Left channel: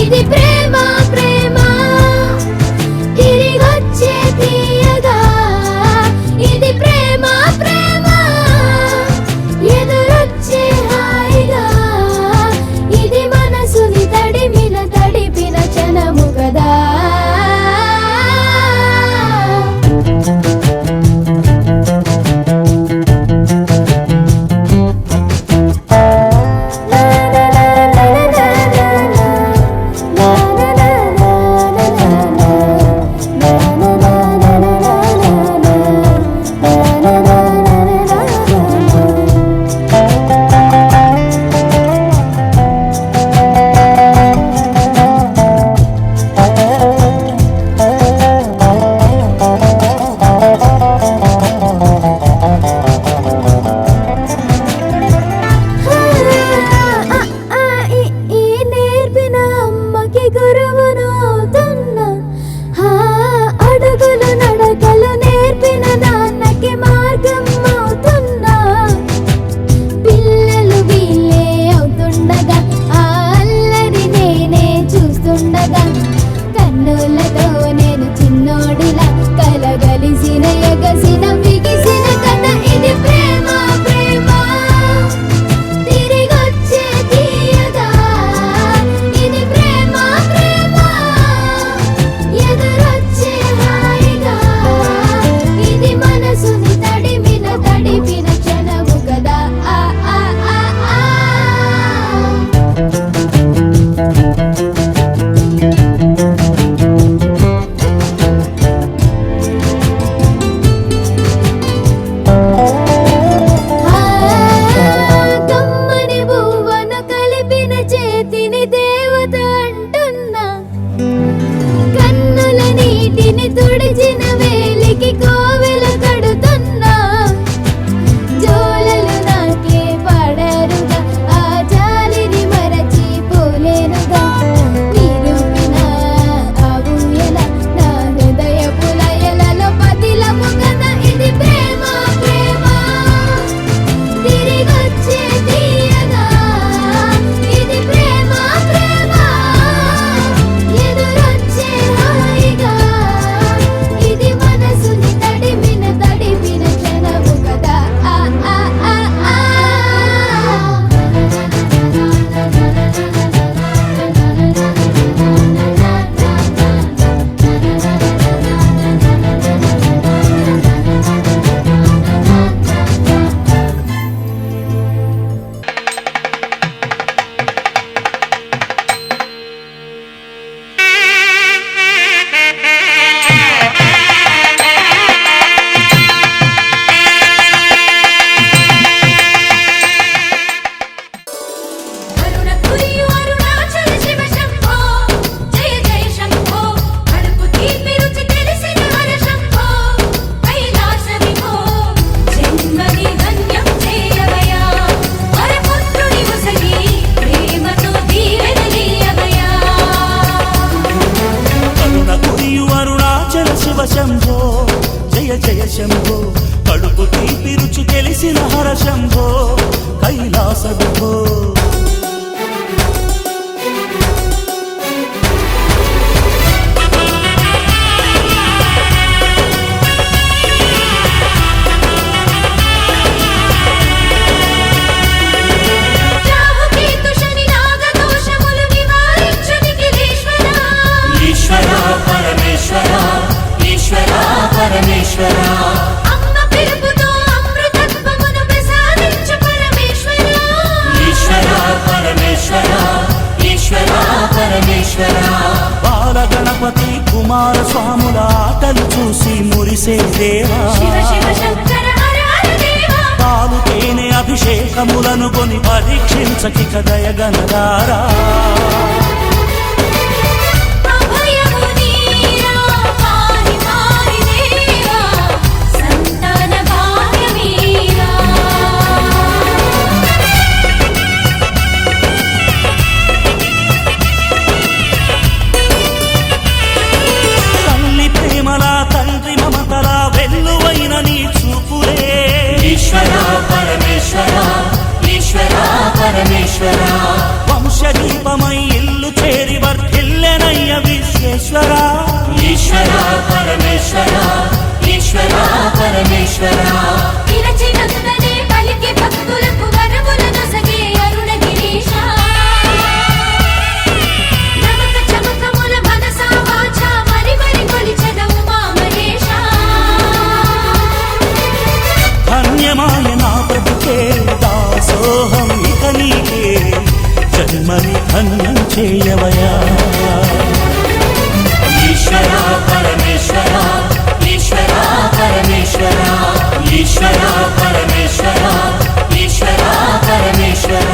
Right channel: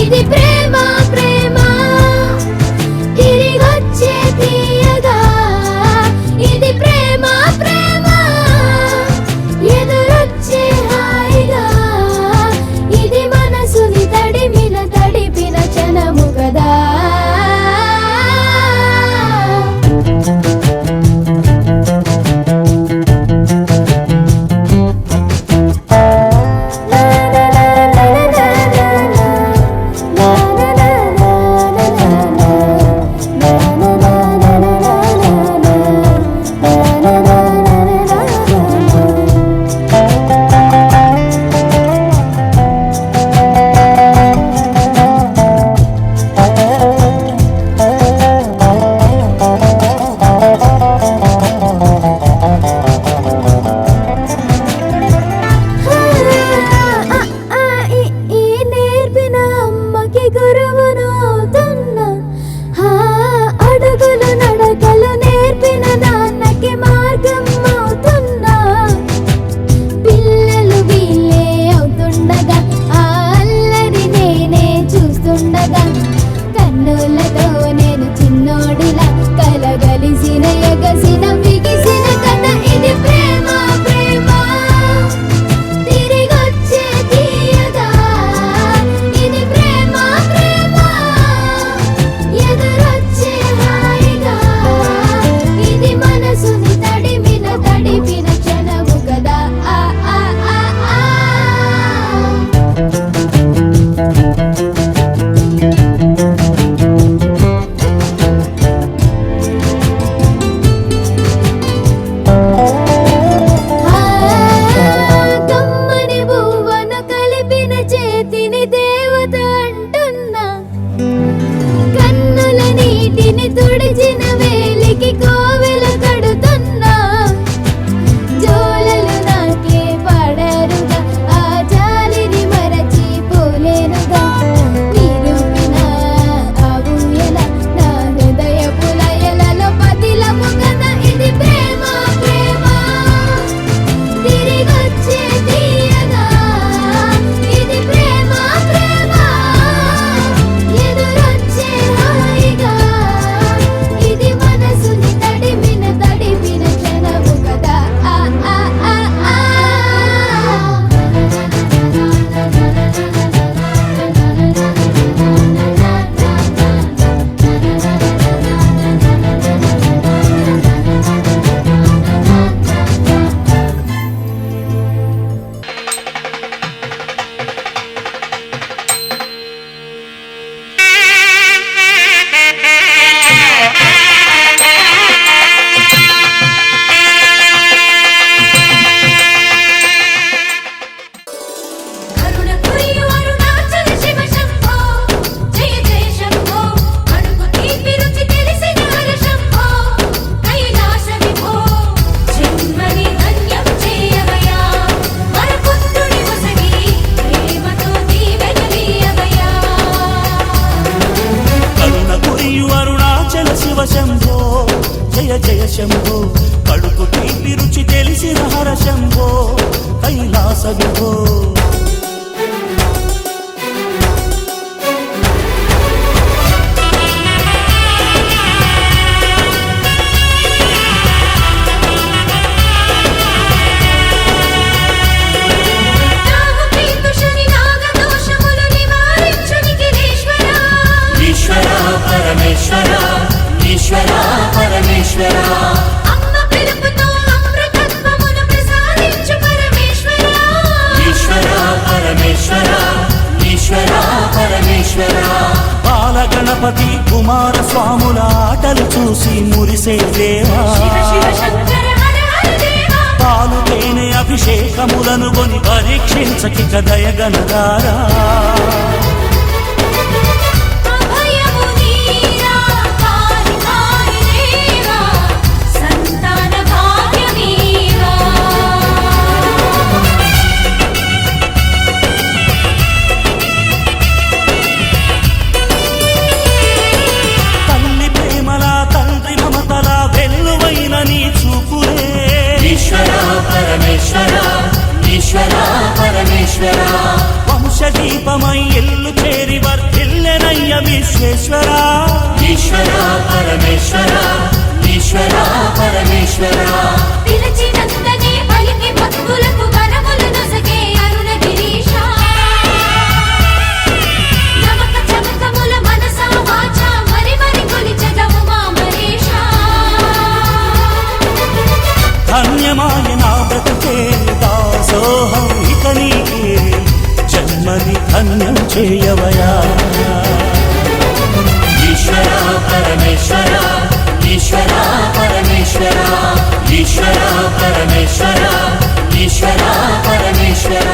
ఇది ప్రేమ ప్రేమ తిరిగొచ్చే తీయగా ఇది ప్రేమ ప్రేమ ఎదురొచ్చే హాయిగా ఇది మనసుని తడిపిన క్షణము కదా కన్నులతో నేను చిన్నోడిలా కలగలిసిన ఎగసిన బిగిసిన కథ ఇది ప్రేమ ప్రేమ తిరిగొచ్చే తీయగా ఇది ప్రేమ ప్రేమ ఎదురొచ్చే హాయిగా ఇది మనసుని తడిపిన క్షణము కదా తుడిచిన వేలికి కోవెల కడుతున్నా జోలలు నాకే పడరుగా ఆ జాలిని మరచి పోలేనుగా నిరూపిన ఆ ఊయల నా హృదయ పులయలలో పతిలము కదా ఇది ప్రేమ ప్రేమ తిరిగొచ్చే తీయగా ఇది ప్రేమ ప్రేమ ఎదురొచ్చే హాయిగా ఇది మనసుని తడిపిన క్షణము కదా బాలగణపతి కుమార స్వాముల ఆటలు చూసి మురిసే ప్రేమ పాలుతేనె అభిషేకములను కొని పరీక్షించకి కదయగనతారా వంశదీపమై ఎల్లు చేరి వర్ధ పరమేశ్వర ఈశ్వర పరమేశ్వర పిలచినంతనే పలికి భక్తులకు వరములు నొసగే అరుణగిరీశ నమక చమకముల మనసా వాచా మరి మరి కొలిచెదము మా మహేశ ధన్యమాయ నా బ్రతుకే దాసోహం ఇక నీకే జన్మని ధన్యం చేయవయా ఈశ్వర పరమేశ్వర ఈశ్వర పరమేశ్వర ఈశ్వర పరమేశ్వర ఈశ్వర పరమేశ్వర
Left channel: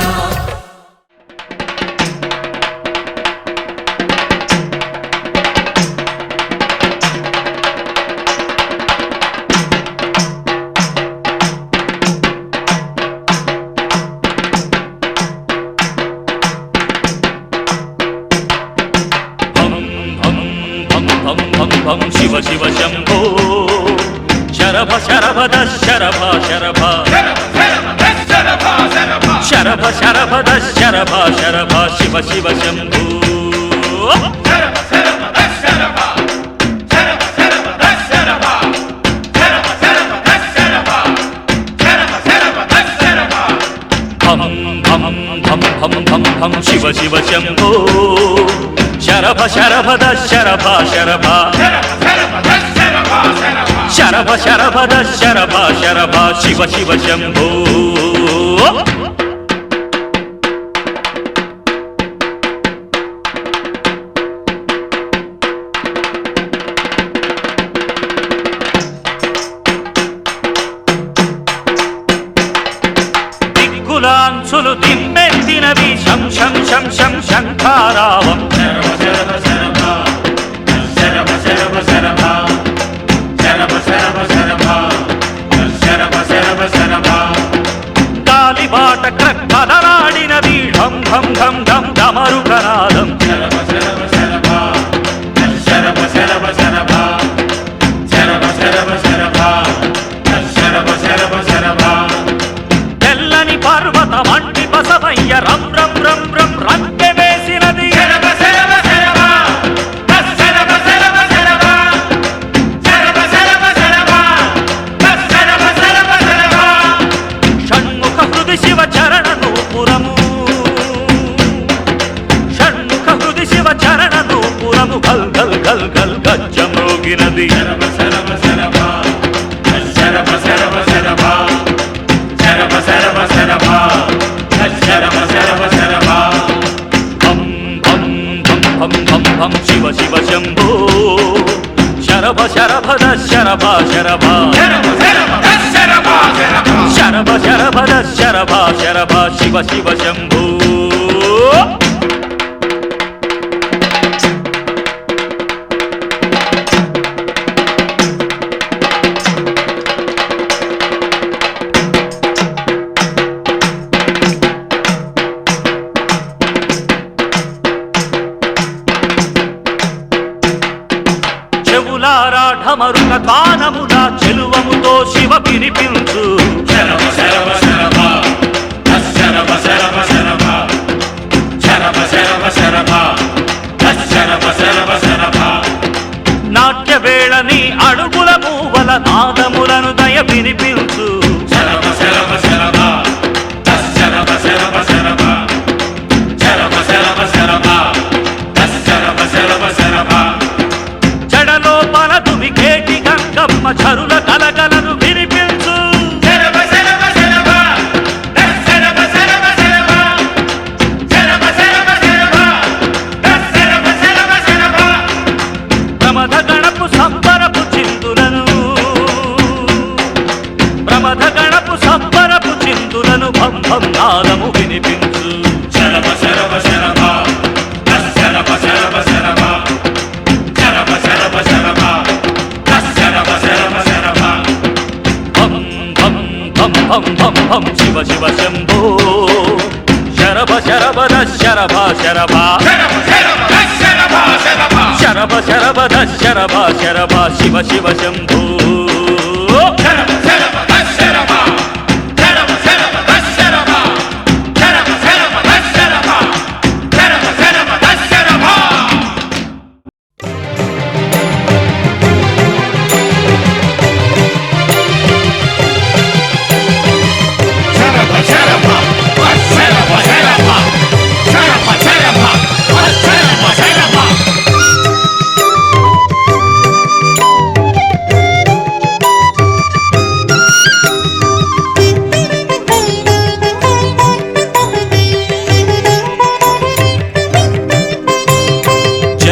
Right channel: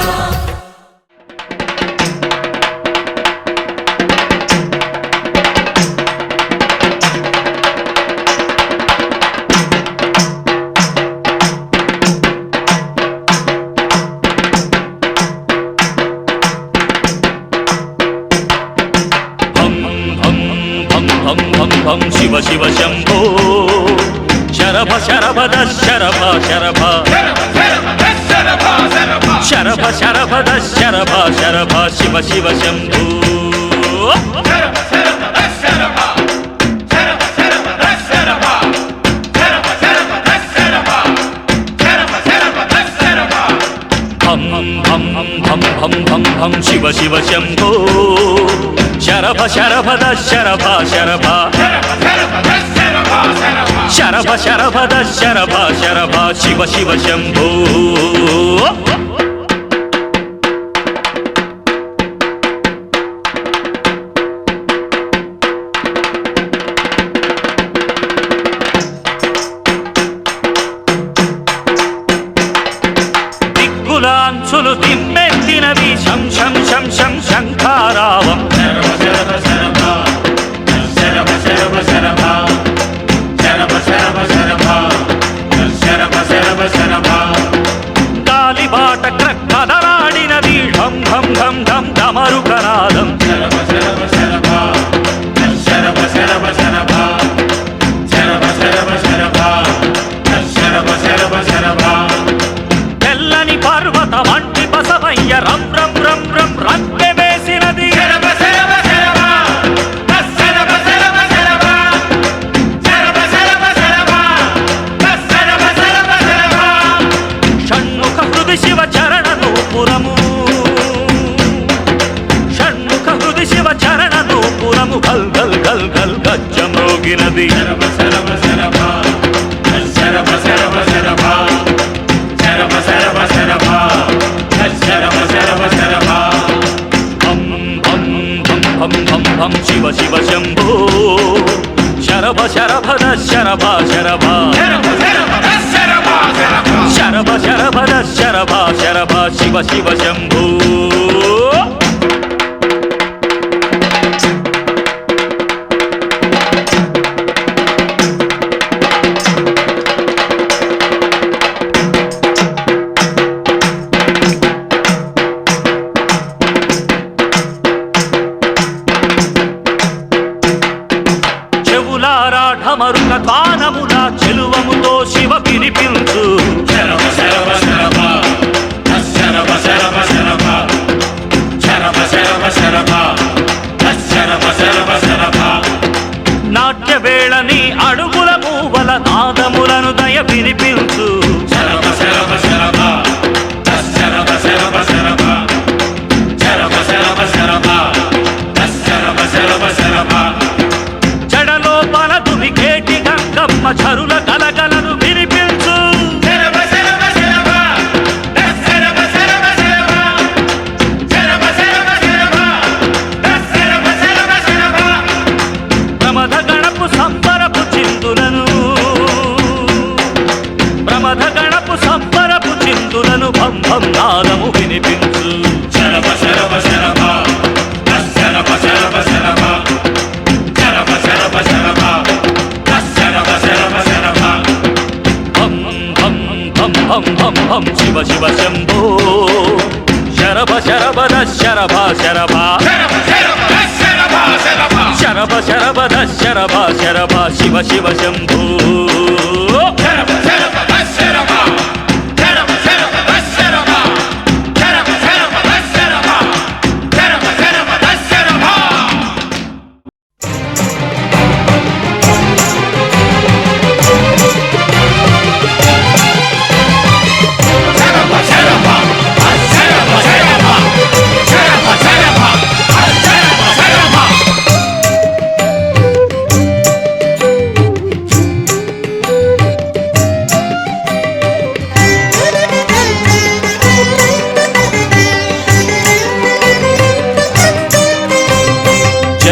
భం శివ శివ శంభో శరభ శరభద శరభ శరభ శరభ శరభద శరభ శరభ శివ శివ శంభో భం భం భం భం భం భం శివ శివ శంభో శరభ శరభద శరభ శరభ శరభ శరభద శరభ శరభ శివ శివ శంభో దిక్కులాంచులు తిమ్మెత్తినవి శం శం శం శం శంఖారావం గాలిబాట క్రక్కదలాడినది ఢం ఢం ఢం ఢం డమరుకనాదం తెల్లని పర్వత వంటి బసవయ్య రం రం రం రం రంకె వేసినది షణ్ముఖ హృది శివ చరణ నూపురము షణ్ముఖ హృది శివ చరణ నూపురము గల్ గల్ గల్ గల్ గజ్జమ్రోగినది భం భం భం భం భం భం శివ శివ శంభో శరభ శరభద శరభ శరభ శరభ శరభద శరభ శరభ శివ శివ శంభో చెవులారా ఢమరుక తానముల చెలువముతో శివ వినిపించు నాట్య వేళని అడుగుల మూవల నాదములను దయ వినిపించు జడలోపల దుమికేటి గంగమ్మ చరుల కలగలను వినిపించు ప్రమథ గణపు సంబరపు చిందులను ప్రమథ గణపు సంబరపు చిందులను భం భం నాదము వినిపించు శరభ శరభ శరభ శరభ శరభ శరభ శరభ శరభ శరభ శరభ శరభ శరభ భం భం భం భం భం భం శివ శివ శంభో శరభ శరభద శరభ శరభ శరభ శరభద శరభ శరభ శివ శివ శంభో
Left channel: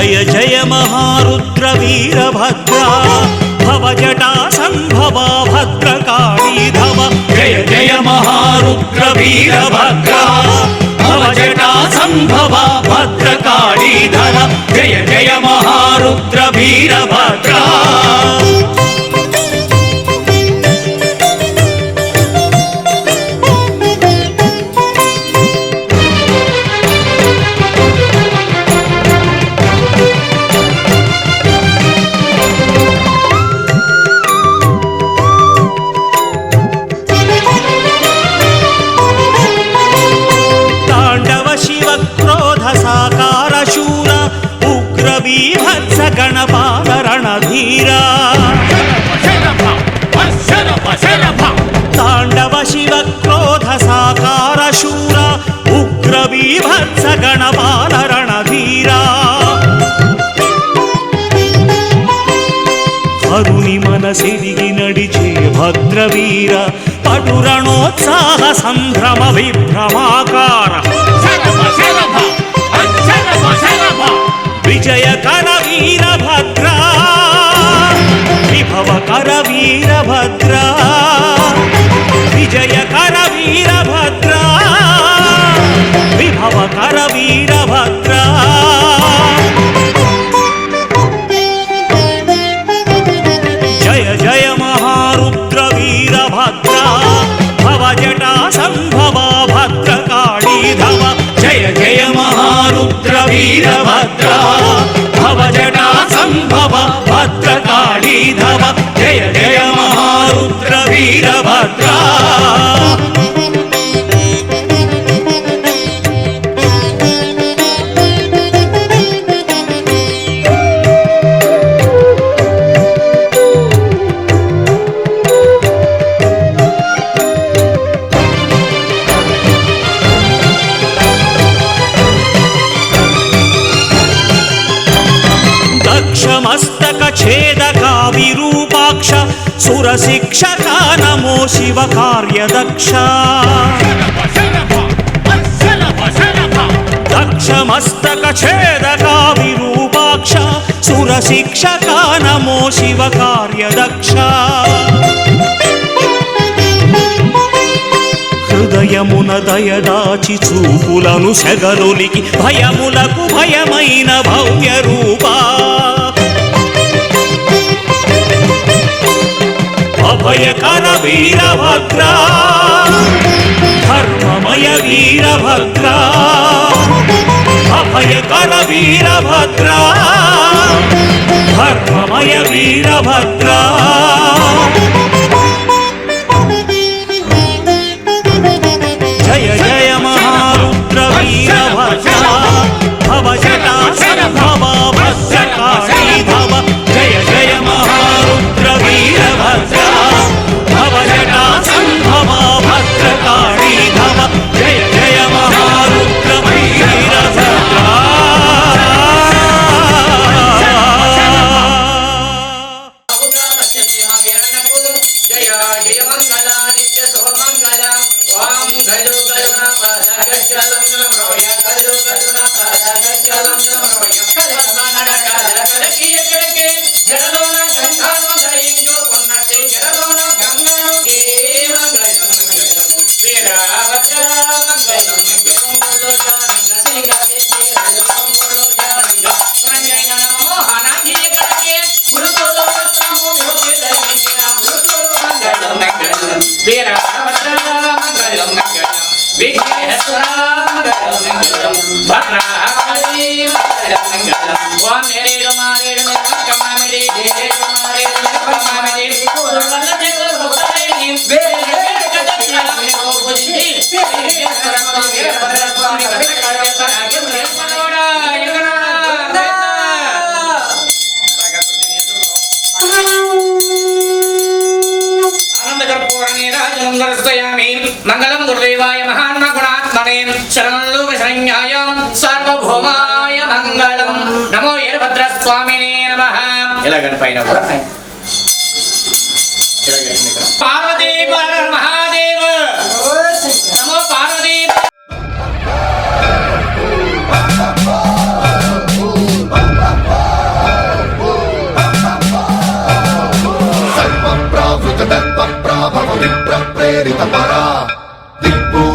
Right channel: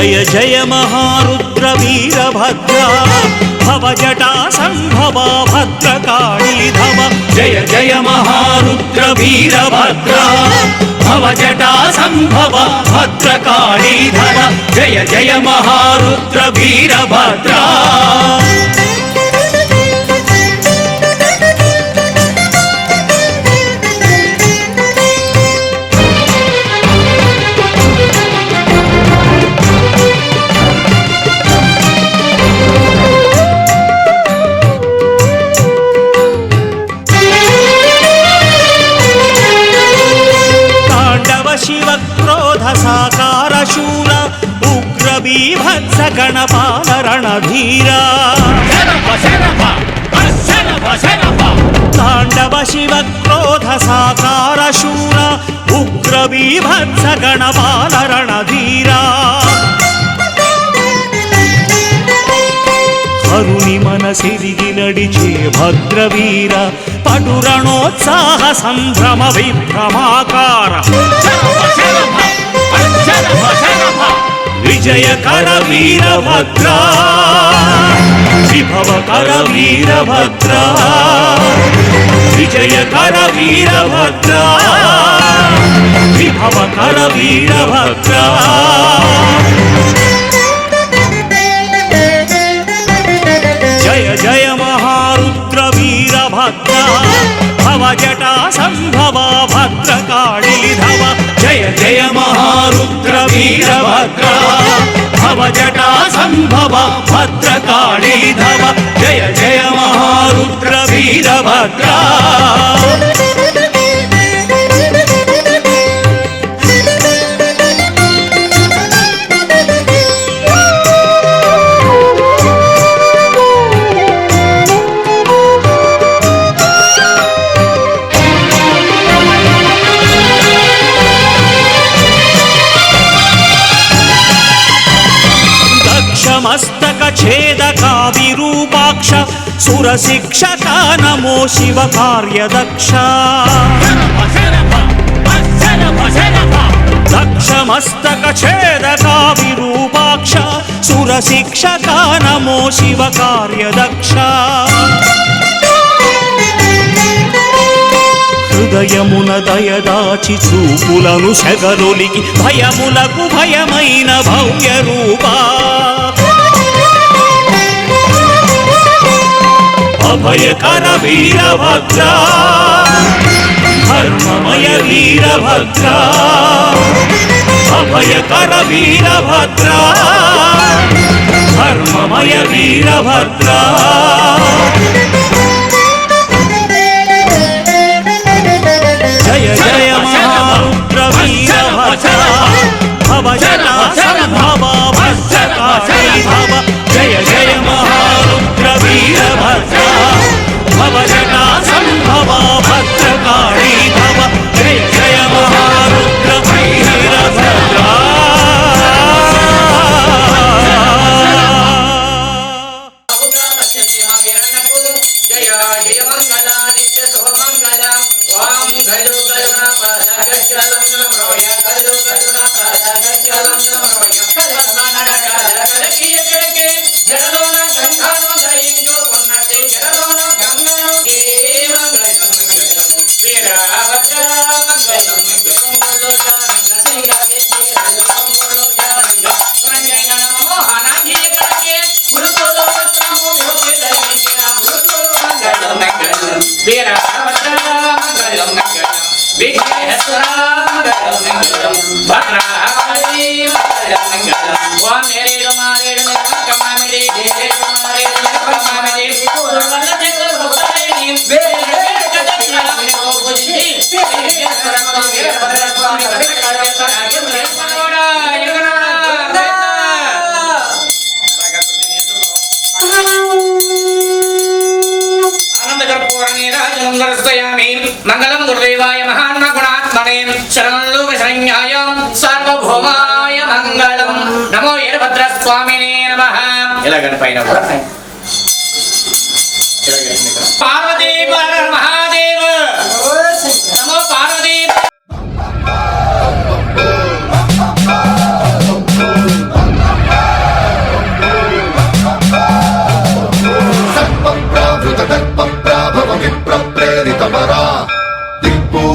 జయ జయ మహారుద్ర వీరభద్ర భవజటా సంభవ భద్రకాళీధవ జయ జయ మహారుద్ర వీరభద్ర భవజటా సంభవ భద్రకాళీధవ జయ జయ మహారుద్ర వీరభద్ర शिव क्रोध साकार शूर उग्र बीभत्स गणपाल रणधीरा तांडव शिव क्रोध साकार शूर उग्र बीभत्स गणपाल रणधीरा హరుని మనసిరిగి నడిచే భద్రవీర పటురణోత్సాహ సంభ్రమ విభ్రమాకార విజయకర వీరభద్ర విభవకర వీరభద్ర విజయకర వీరభద్ర విభవకర వీరభద్ర జయ జయ మహారుద్ర వీరభద్ర భవజటా సంభవ భద్రకాళీధవ జయ జయ మహారుద్ర వీరభద్ర భవజటా సంభవ భద్రకాళీధవ జయ జయ మహారుద్ర వీరభద్ర మస్తక ఛేదకా విరూపాక్ష సురశిక్షక నమో శివ కార్యదక్ష దక్ష మస్తక ఛేదకా విరూపాక్ష సురశిక్షక నమో శివ కార్యదక్ష హృదయమున దయదాచి చూపులను సెగరొలికి భయములకు భయమైన భవ్య రూపా అభయకర వీరభద్ర ధర్మమయ వీరభద్ర అభయకర వీరభద్ర ధర్మమయ వీరభద్ర జయ జయ మహారుద్ర వీరభద్ర భవజటా సంభవ భద్రకాళీధవ జయ జయ మహారుద్ర వీరభద్ర భవజటా సంభవ భద్రకాళీధవ జయ జయ మహారుద్ర వీరభద్ర జయ జయ మంగళ నిత్య శుభ మంగళ వాం గలు గలున పదగచ్చలం నమోయ గలు గలున పదగచ్చలం నమోయ కలమనడ కలకలకియ కలకే జలలోన గంగాను దయించు కొన్నటి జలలోన గంగాను కే మంగళం మంగళం వీరభద్ర మంగళం మంగళం జానంగ సింగ విజయ మంగళం జానంగ రంగన మోహన కియ కలకే గురుతోలో వస్తాము భోగి దయించిన మంగళం మంగళం వీరభద్ర మంగళం మంగళం విఘ్నేశ్వర మంగళం మంగళం భద్రకాళి మంగళం మంగళం వానేరేడు మారేడు కమమిడి దేరేడు మారేడు కమమిడి పూర్వల జగల భక్తైని వేరేడు కదచలం కోపుచి విఘ్నేశ్వర వీరభద్ర స్వామి భద్రకాళి తనకి ప్రేమనోడా యుగనోడా మంగళం గురుదేవాయ మహాత్మ గుణాత్మనే శరణోగశరణ్యాయ సార్వభౌమాయ మంగళం నమో వీరభద్ర స్వామినే నమః ఎలాగని పైన పార్వతీ పర మహాదేవ నమో పార్వతీ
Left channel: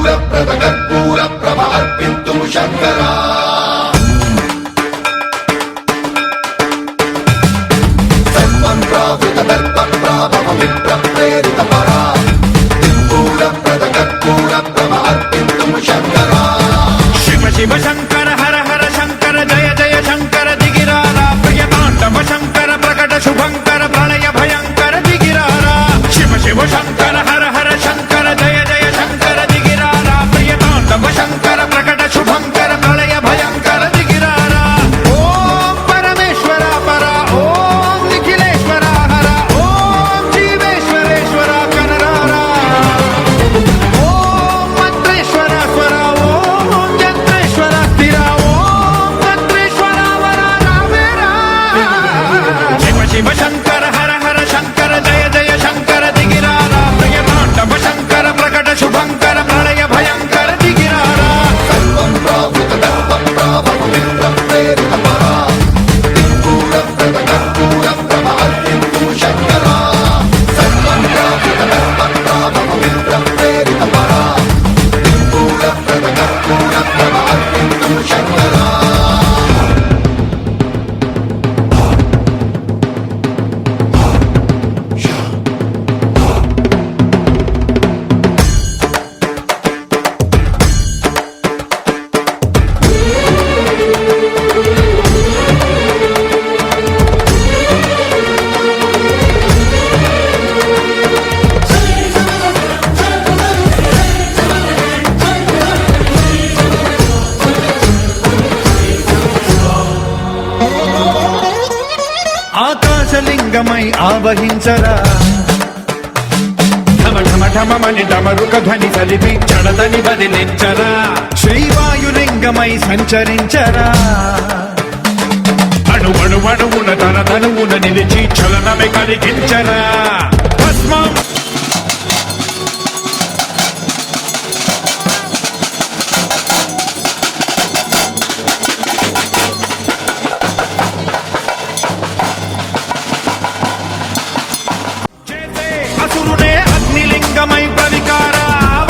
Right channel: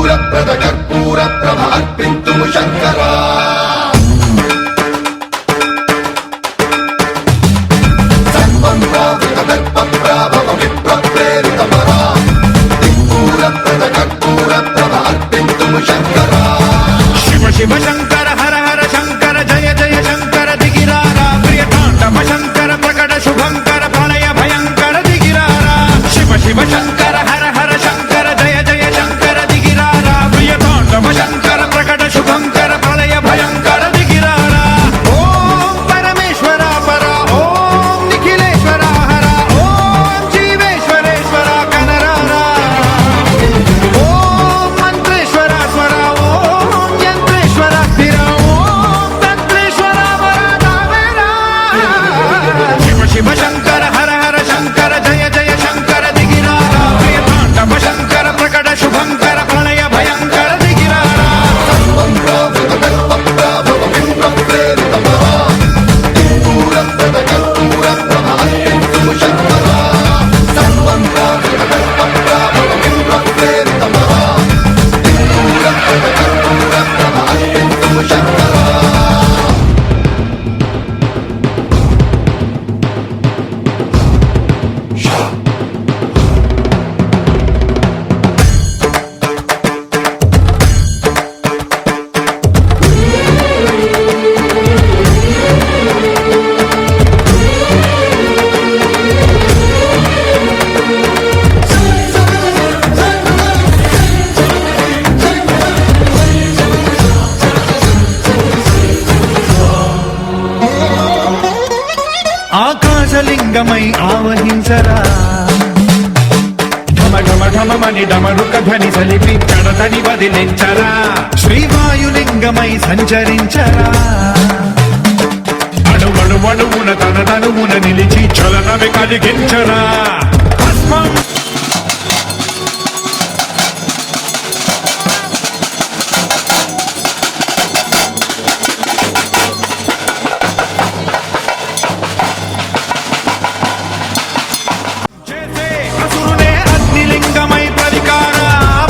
సిద్ధూరప్రద కర్పూర ప్రభ అర్పింతుము శంకరా సన్మంత్రావృత దర్ప ప్రాభవ విప్ర ప్రేరిత పరా సిద్ధూరప్రద కర్పూర ప్రభ అర్పింతుము శంకరా శివ శివ శంకర హర హర శంకర జయ జయ శంకర దిగిరారా ప్రియ తాండవ శంకర ప్రకట శుభంకర ప్రళయ భయంకర దిగిరారా శివ శివ శంకర హర హర శంకర జయ జయ శంకర దిగిరారా ప్రియ తాండవ శంకర ప్రకట శుభంకర ప్రళయ భయంకర దిగిరారా ఓం పరమేశ్వర పర ఓం నిఖిలేశ్వర హర ఓం జీవేశ్వరేశ్వర కనరారా ఓం మంత్రేశ్వర స్వర ఓం యంత్రేశ్వర స్థిర ఓం తత్రేశ్వర వర నామేరా శివ శివ శంకర హర హర శంకర జయ జయ శంకర దిగిరారా ప్రియ తాండవ శంకర ప్రకట శుభంకర ప్రళయ భయంకర దిగిరారా సన్మంత్రావృత దర్ప ప్రాభవ విప్ర ప్రేరిత పరా సిద్ధూరప్రద కర్పూర ప్రభ అర్పింతుము శంకరా సన్మంత్రావృత దర్ప ప్రాభవ విప్ర ప్రేరిత పరా సిద్ధూరప్రద కర్పూర ప్రభ అర్పింతుము శంకరా ఆకాశలింగమై ఆవహించరా ఢమ ఢమ ఢమమని డమరుక ధ్వని సలిపి జడదని బదిలించరా శ్రీవాయులింగమై సంచరించరా అడువడువడువున తన తనువున నిలిచి చలనమే కలిగించరా భస్మం చేసే అసురునే అగ్నిలింగమై ప్రవికార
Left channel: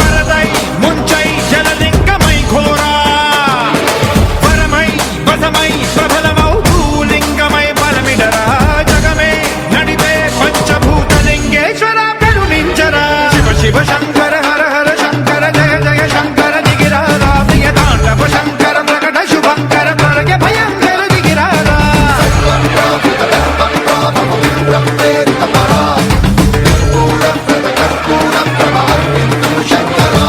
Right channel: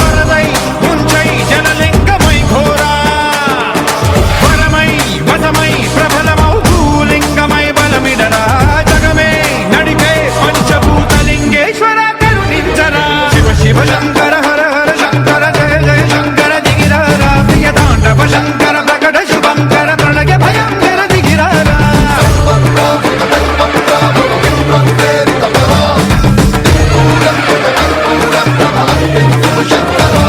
వరదై ముంచై జలలింగమై ఘోరా వరమై వసమై ప్రబలమౌ భూలింగమై బలమిడరా జగమే నడిపే పంచభూతలింగేశ్వర కరుణించరా శివ శివ శంకర హర హర శంకర జయ జయ శంకర దిగిరారా ప్రియ తాండవ శంకర ప్రకట శుభంకర ప్రళయ భయంకర దిగిరారా సన్మంత్రావృత దర్ప ప్రాభవ విప్ర ప్రేరిత పరా సిద్ధూరప్రద కర్పూర ప్రభ అర్పింతుము శంకరా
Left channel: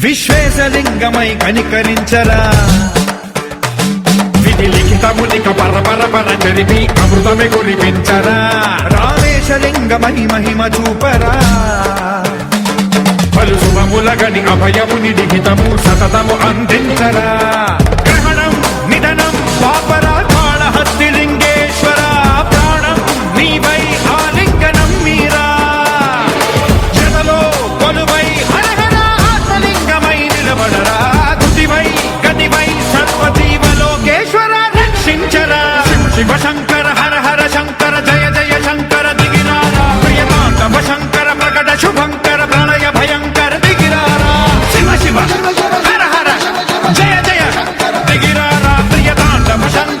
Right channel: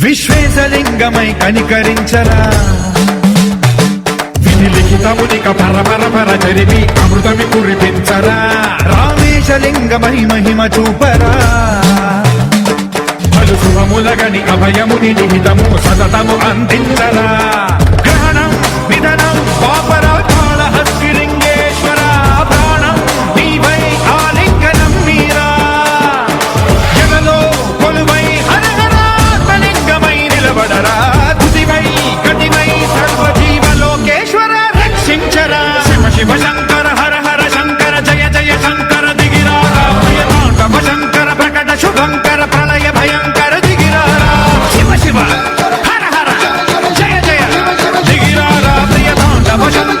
విశ్వేశలింగమై కనికరించరా విధి లిఖితమునిక పరపర చరిపి అమృతమి కురిపించరా రామేశలింగమై మహిమ చూపరా పలు శుభములగని అభయముని నిహితము సతతము అందించరా గ్రహణం నిధనం పాపరా కాళహస్తిలింగేశ్వర ప్రాణం నీవై ఆలింగనం మీరా జనలో కొలువై హరహర ఆత్మలింగమై నిలబడరా తుదివై గతివై సర్వజీవలోకేశ్వర రక్షించరా శివ శివ శంకర హర హర శంకర జయ జయ శంకర దిగిరారా ప్రియ తాండవ శంకర ప్రకట శుభంకర ప్రళయ భయంకర దిగిరారా శివ శివ హర హర జయ జయ దిగిరారా ప్రియ తాండవ శంకర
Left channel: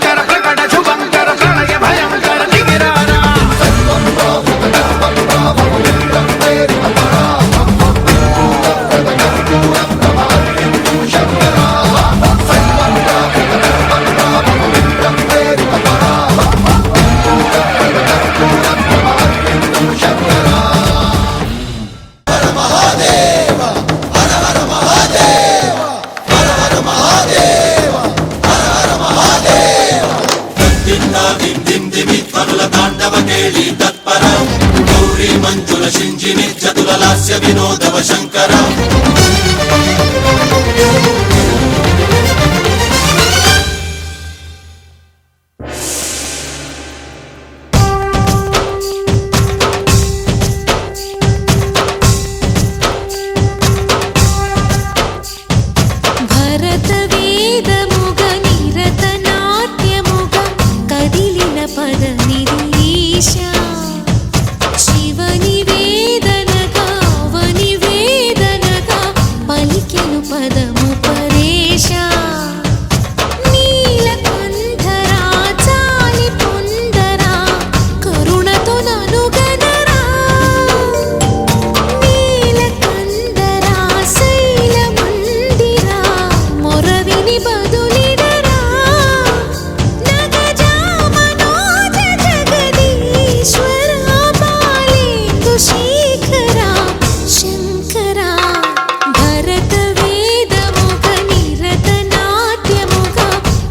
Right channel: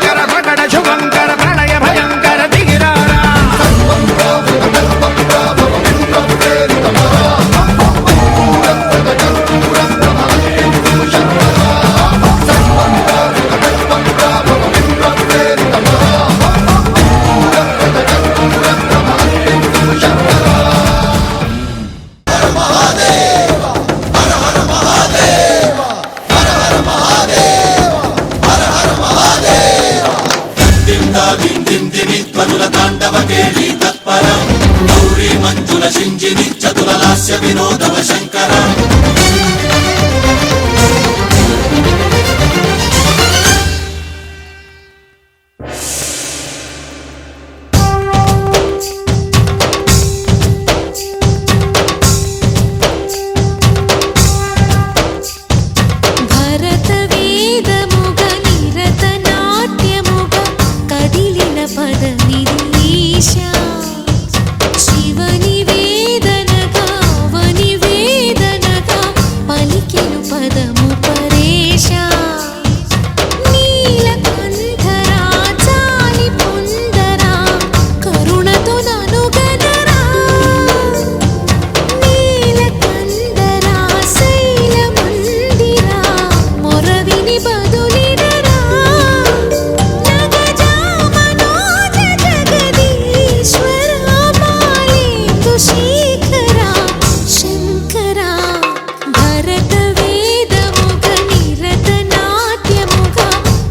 భరత వేదముగ నిరత నాట్యముగ కదిలిన పదమిది ఈశా శివని వేదనగా అవని వేదనగా పలికెను పదము పరేశా నీలకంఠరా చాలి పొందరా కరుణతో ననుగనరా నీలకందరా శైలమందిరా మొరవిని బదులిడరా నగజా మనోజ జగదీశ్వరా బాలేందు శేఖరా శంకరా భరత వేదముగ నిరత నాట్యముగ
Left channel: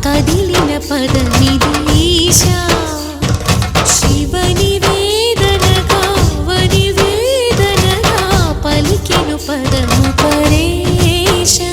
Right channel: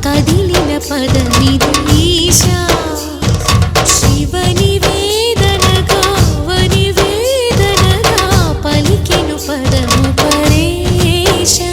కదిలిన పదమిది ఈశా శివని వేదనగా వని వేదనగా పలికెను పదము పరేశా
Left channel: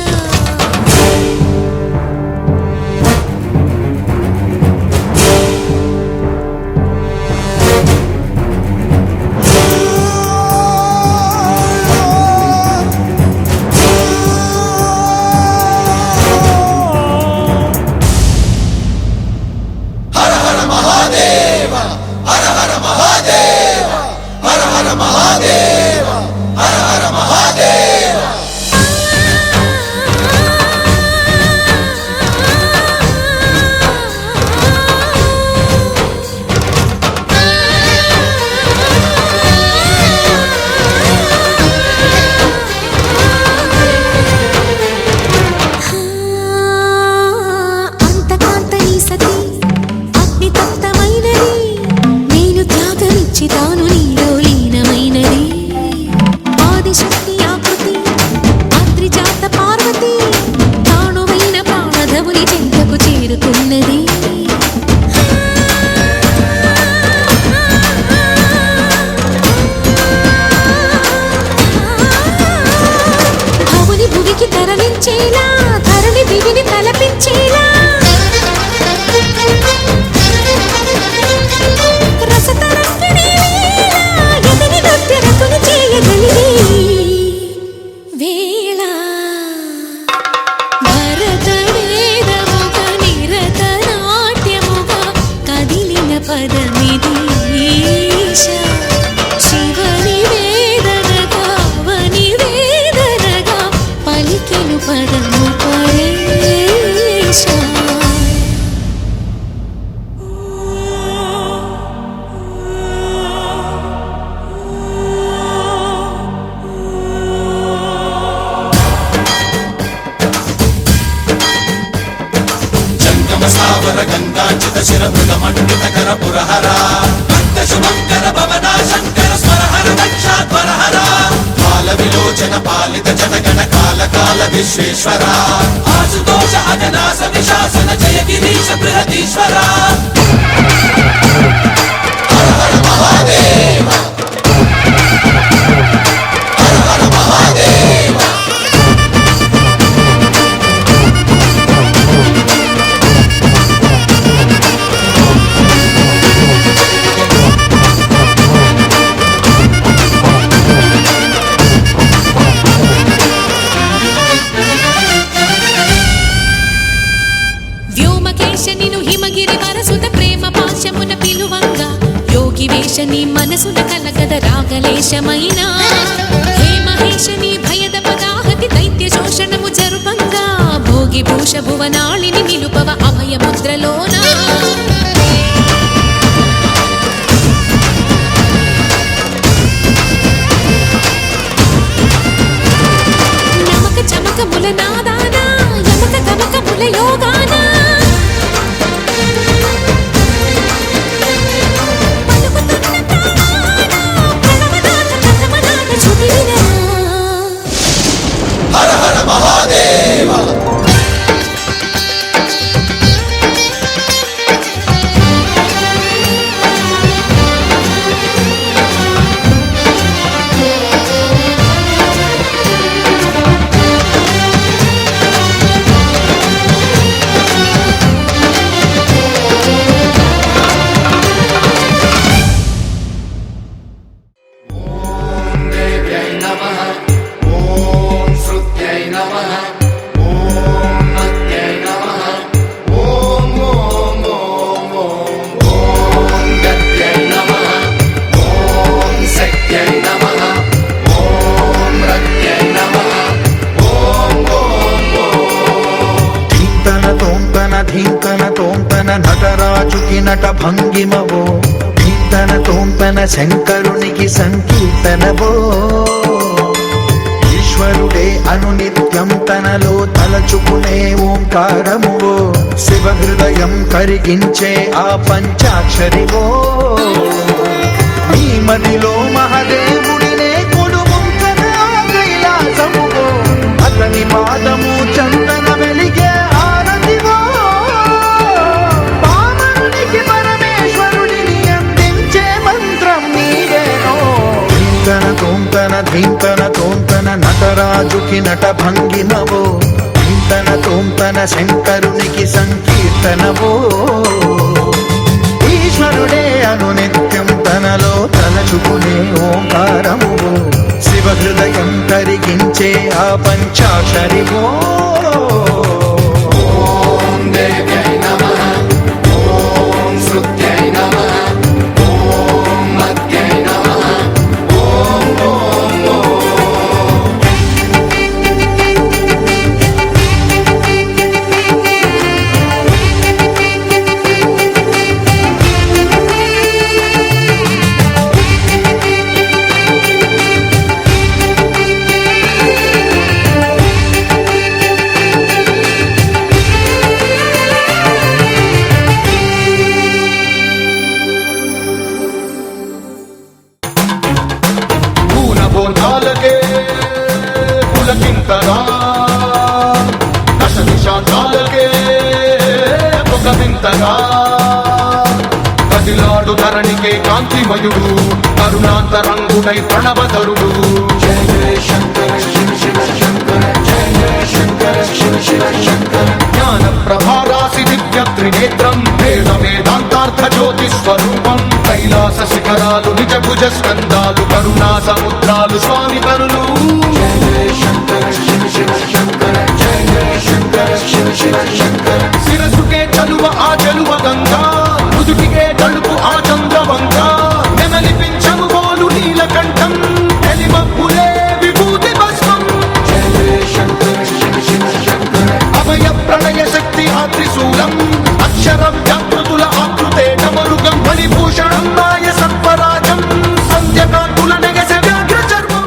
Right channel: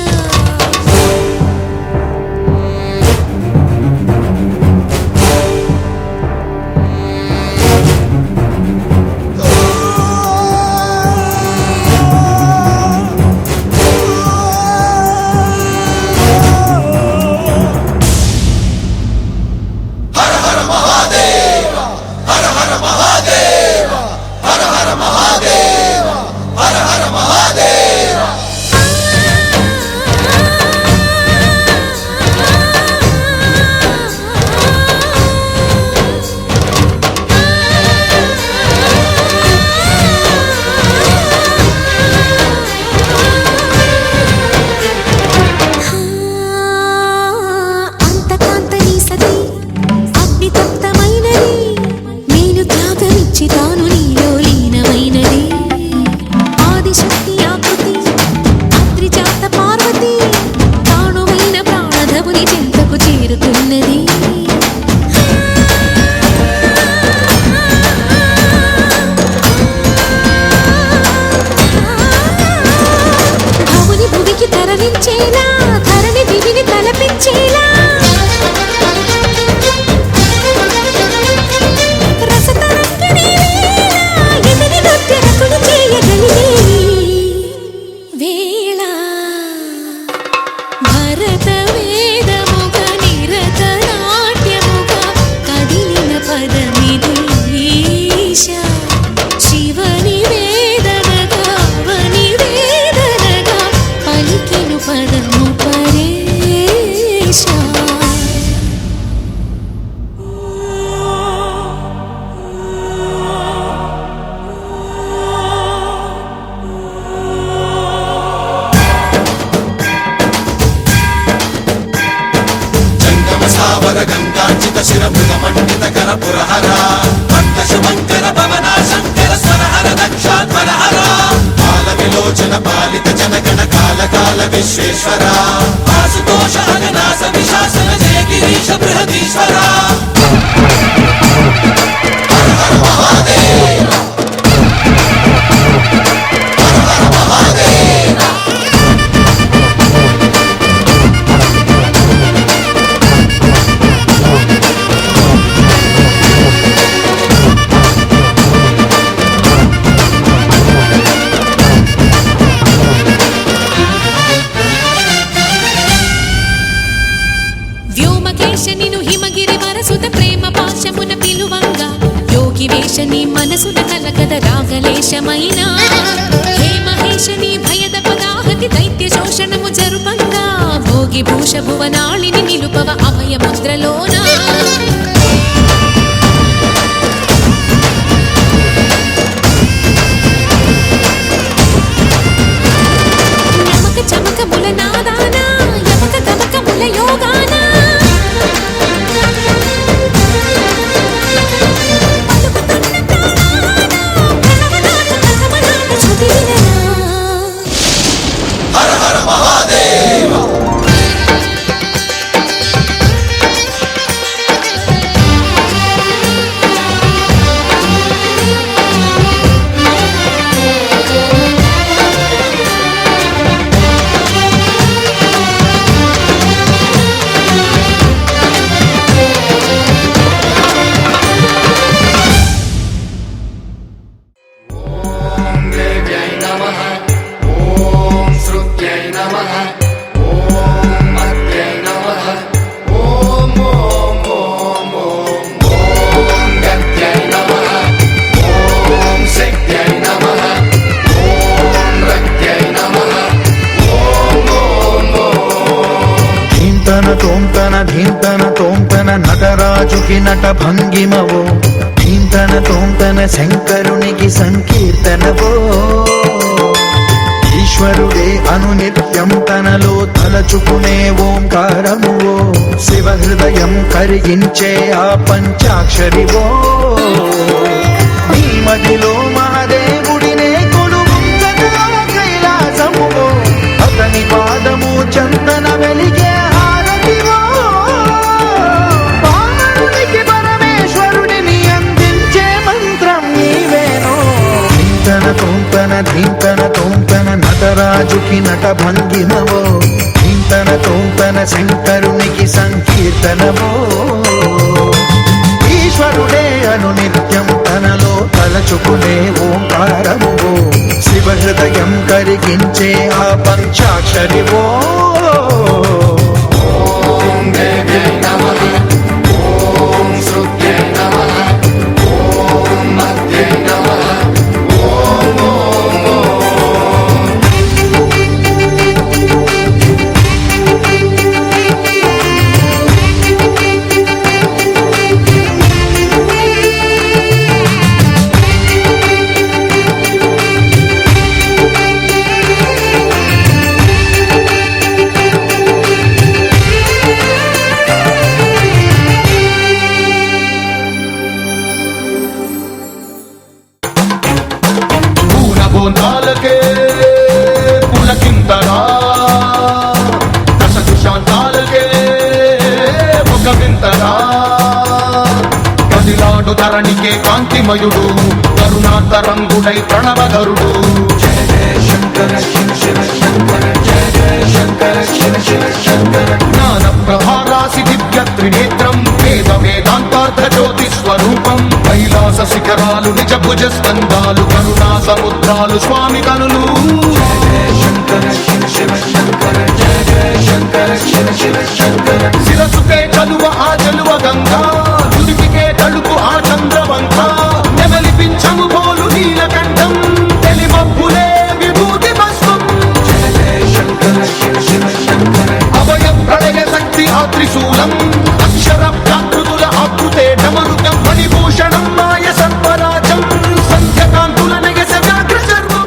అంతకాంతని సతి అగ్నితప్తమైనది నేను త్యాగమిచ్చి తాను నీలో లీనమైనది ఆదిశక్తి ఆకృతి అద్రిజాత పార్వతి తానువైన ప్రాణధవుని చెంతకు చేరుతున్నది భవుని భువికి తరలించేలా ధరణి దివిని తలపించేలా రసతరంగిణి లీల ఎదని నృత్యరతుని చేయగలిగే వేళ భరత వేదముగ నిరత నాట్యముగ కదిలిన పదమిది ఈశా శివని వేదనగా వని వేదనగా పలికెను పదము పరేశా సావర గంగాచిత శిరమృత మండిత కర పురహర అంతశుభంకర భవనా శంకర స్వరహర దక్షాధ్వరహర కాల విలోచన పాలిత జనగణ కాల కాల విశ్వేశ్వర ఆశుతోష అవినాశ విశాసన జయ గిరీశ బృహదీశ్వర హర హర మహాదేవ హర హర మహాదేవ వ్యోమకేశ నిను హిమగిరి వరసుత ప్రేమ పాశమున పిలువంగా యోగి వేష నీ మనసున కలగద రాగలేశమైన హే మహేశ నీ భయద పదాహతి దైత్య శోషణము జరుపంగా భోగి భూష భువనాళిని నిలుపవ అభయ ముద్రలోనా నమక చమకముల నాదానా యమక గమకముల యోగానా పలుకుతున్న ప్రాణానా ప్రణవనాథ ప్రథమనాథ శృతి వినరా హర హర మహాదేవ తోంతన నటరాజుకి నట భంగిమవో ధీంతన తోంతన శంకరునికి సంకీర్తనవో ఈశ్వరుడే అనునిత్యం తనలో తలచుకునే ఓంకారమువో శివ హృదయం కరిగించే ఆ పంచాక్షరివో నీ మదిలో మహాదేవుడినే కొలువుంచగా కైలాసమువో అతని పాదము చందన వెలిగే హారతివో పామరునికి పరమేశ్వరుడిని అందించే మంత్రం నీవేనో ధీంతన తోంతన ధీంతన తోంతన నటరాజుకి నట భంగిమవో ధీంతన తోంతన శంకరునికి సంకీర్తనవో ఈశ్వరుడే అనునిత్యం తనలో తలచుకునే ఓంకారమువో శివ హృదయం కరిగించే ఆ పంచాక్షరివో బోంతాలకే పులకింతగా దశ దిశాంతాలకే ఒక వింతగా కదిలాడు ధరణికే కాంతిమయుడు కరుణాంతరంగుడై ప్రణవధరుడు జ్ఞాన ప్రభారాసి దివ్య త్రినేత్రం వేద వేదాంతార్థ జ్యోతి స్వరూపం కైలాస శిఖరాలు నిజ భుజ స్కందాలు కరుణా సముద్రాలు స్వామి కనులు శిరసుకే చలువ ఆ చెలువ గంగా కుదుటికే తలుపు ఆ చంద్రవంక నెమలిపించము పోలు నీలకంఠం తెలిమప్పులే విభూతి భస్మం అభయ ప్రళయ శక్తి ఆ త్రిశూలం అక్షర వ్యాకృతుల ఆకృతే డమరుగం ఫణిభూషణం మాయ సర్పరాజం సంధ్యకాంతుల నెగస వ్యాఘ్ర సర్వం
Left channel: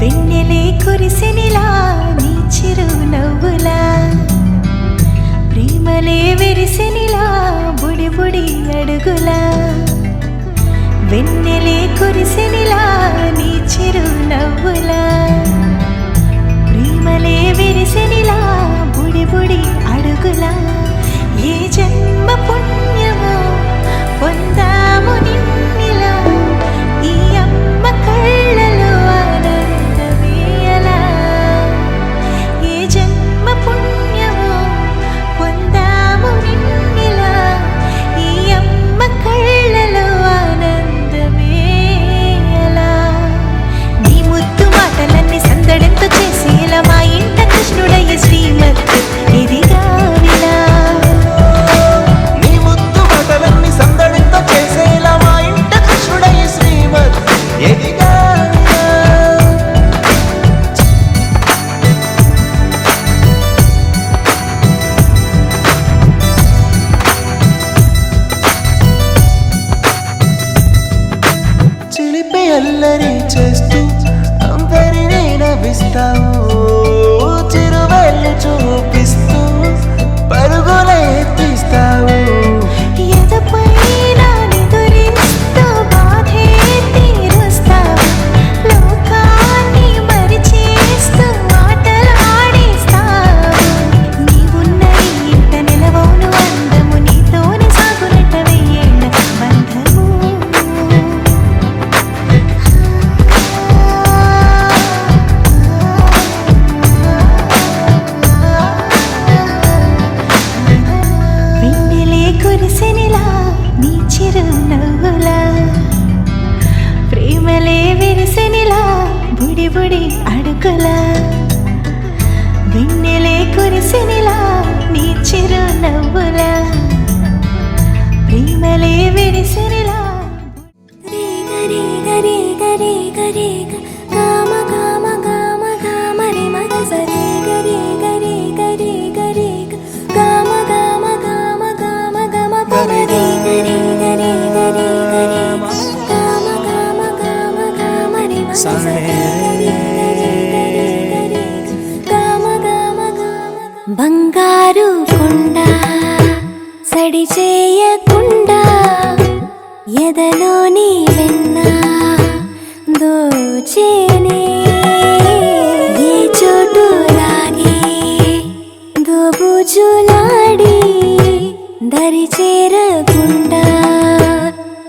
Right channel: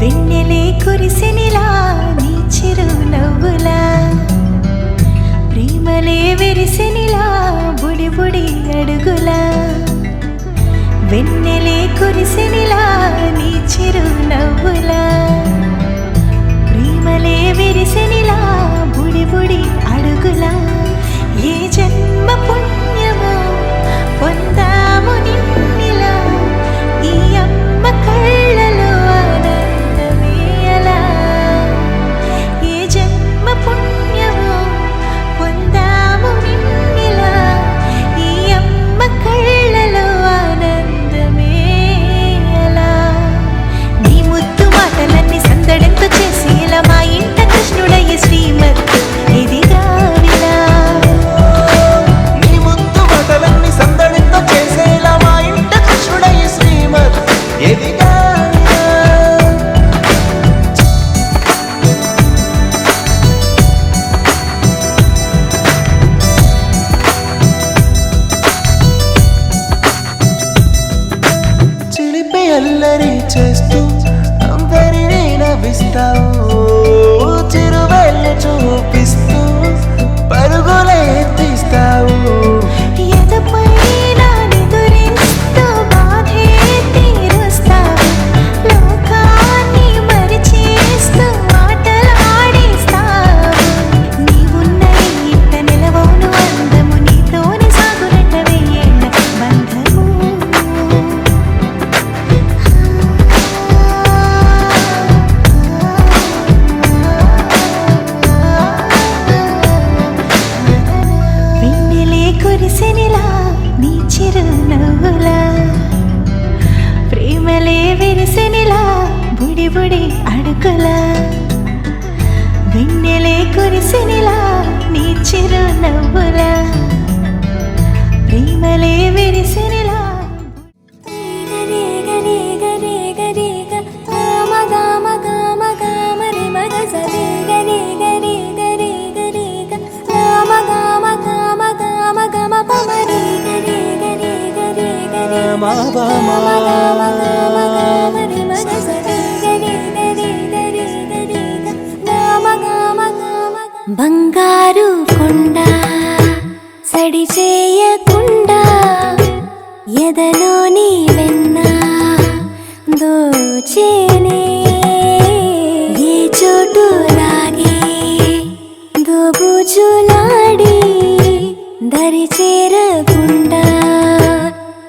వెన్నెలే కురిసినిలా నీ చిరు నవ్వులా ప్రేమలే విరిసినిలా బుడి బుడి అడుగులా వెన్నెలే కురిసినిలా నీ చిరు నవ్వులా ప్రేమలే విరిసినిలా బుడి బుడి అడుగులా ఏ జన్మ పుణ్యమో పొందాము నిన్నిలా ఈ అమ్మ కళ్ళలో ఆనందమేయలా ఏ జన్మ పుణ్యమో పొందాము నిన్నిలా ఈ అమ్మ కళ్ళలో ఆనందమేయలా నీ ముద్దు మాటలన్నీ సందడంతో చేసి ఇలా మా ఇంట కృష్ణుడయ్య శ్రీమత్ ఇదిగా విలా నీవు చేస్తూ అందరినీ నవ్విస్తావు చిరువెళ్ళు చూపిస్తూ పరుగులే తీస్తావు ఎదపైన నిదురిస్తూ బాధే తీరుస్తావు లోకాన్ని మరిచేస్తూ ఆటలు ఆడిస్తావు నీవున్న ఇంత నిలవవును అందము నీతోనే సాగునట్ట వెయ్యేళ్ళ బంధము వెన్నెలే కురిసెనిలా నీ చిరునవ్వులా ప్రేమలే విరిసెనిలా బుడి బుడి అడుగులా వెన్నెలే కురిసెనిలా నీ చిరునవ్వులా ప్రేమలే విరిసెనిలా బంగారు కొండ సడి చేయకుండా ఎదలోని వెన్న దోచేనే ఏ చోటు లాగే దోబుజులాడి దరి చేరకుండా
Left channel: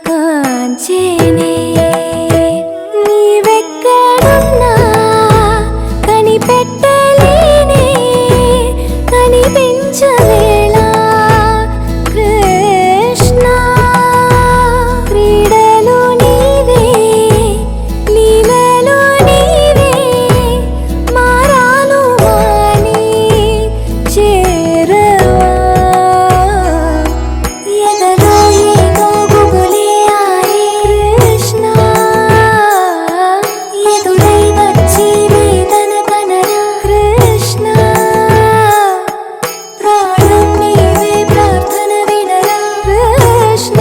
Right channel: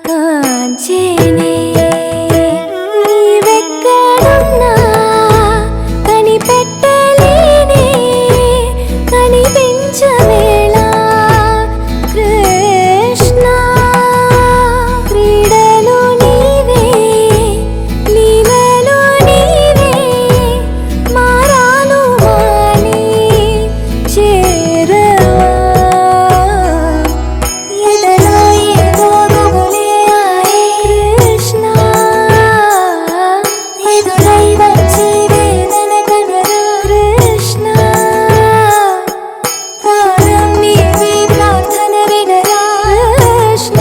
కాంచేనే నీవెక్కడున్నా కనిపెట్టలేనే కనిపించవేళ కృష్ణ క్రీడలు నీవే లీలలు నీవే మారాను మాని చేరవా ఎదలో ఏదో మొదలే ఆరే కృష్ణ ఎదురై వచ్చి వేదన కనరా కృష్ణ ప్రాణం నీవే ప్రార్థన వినరా కృష్ణ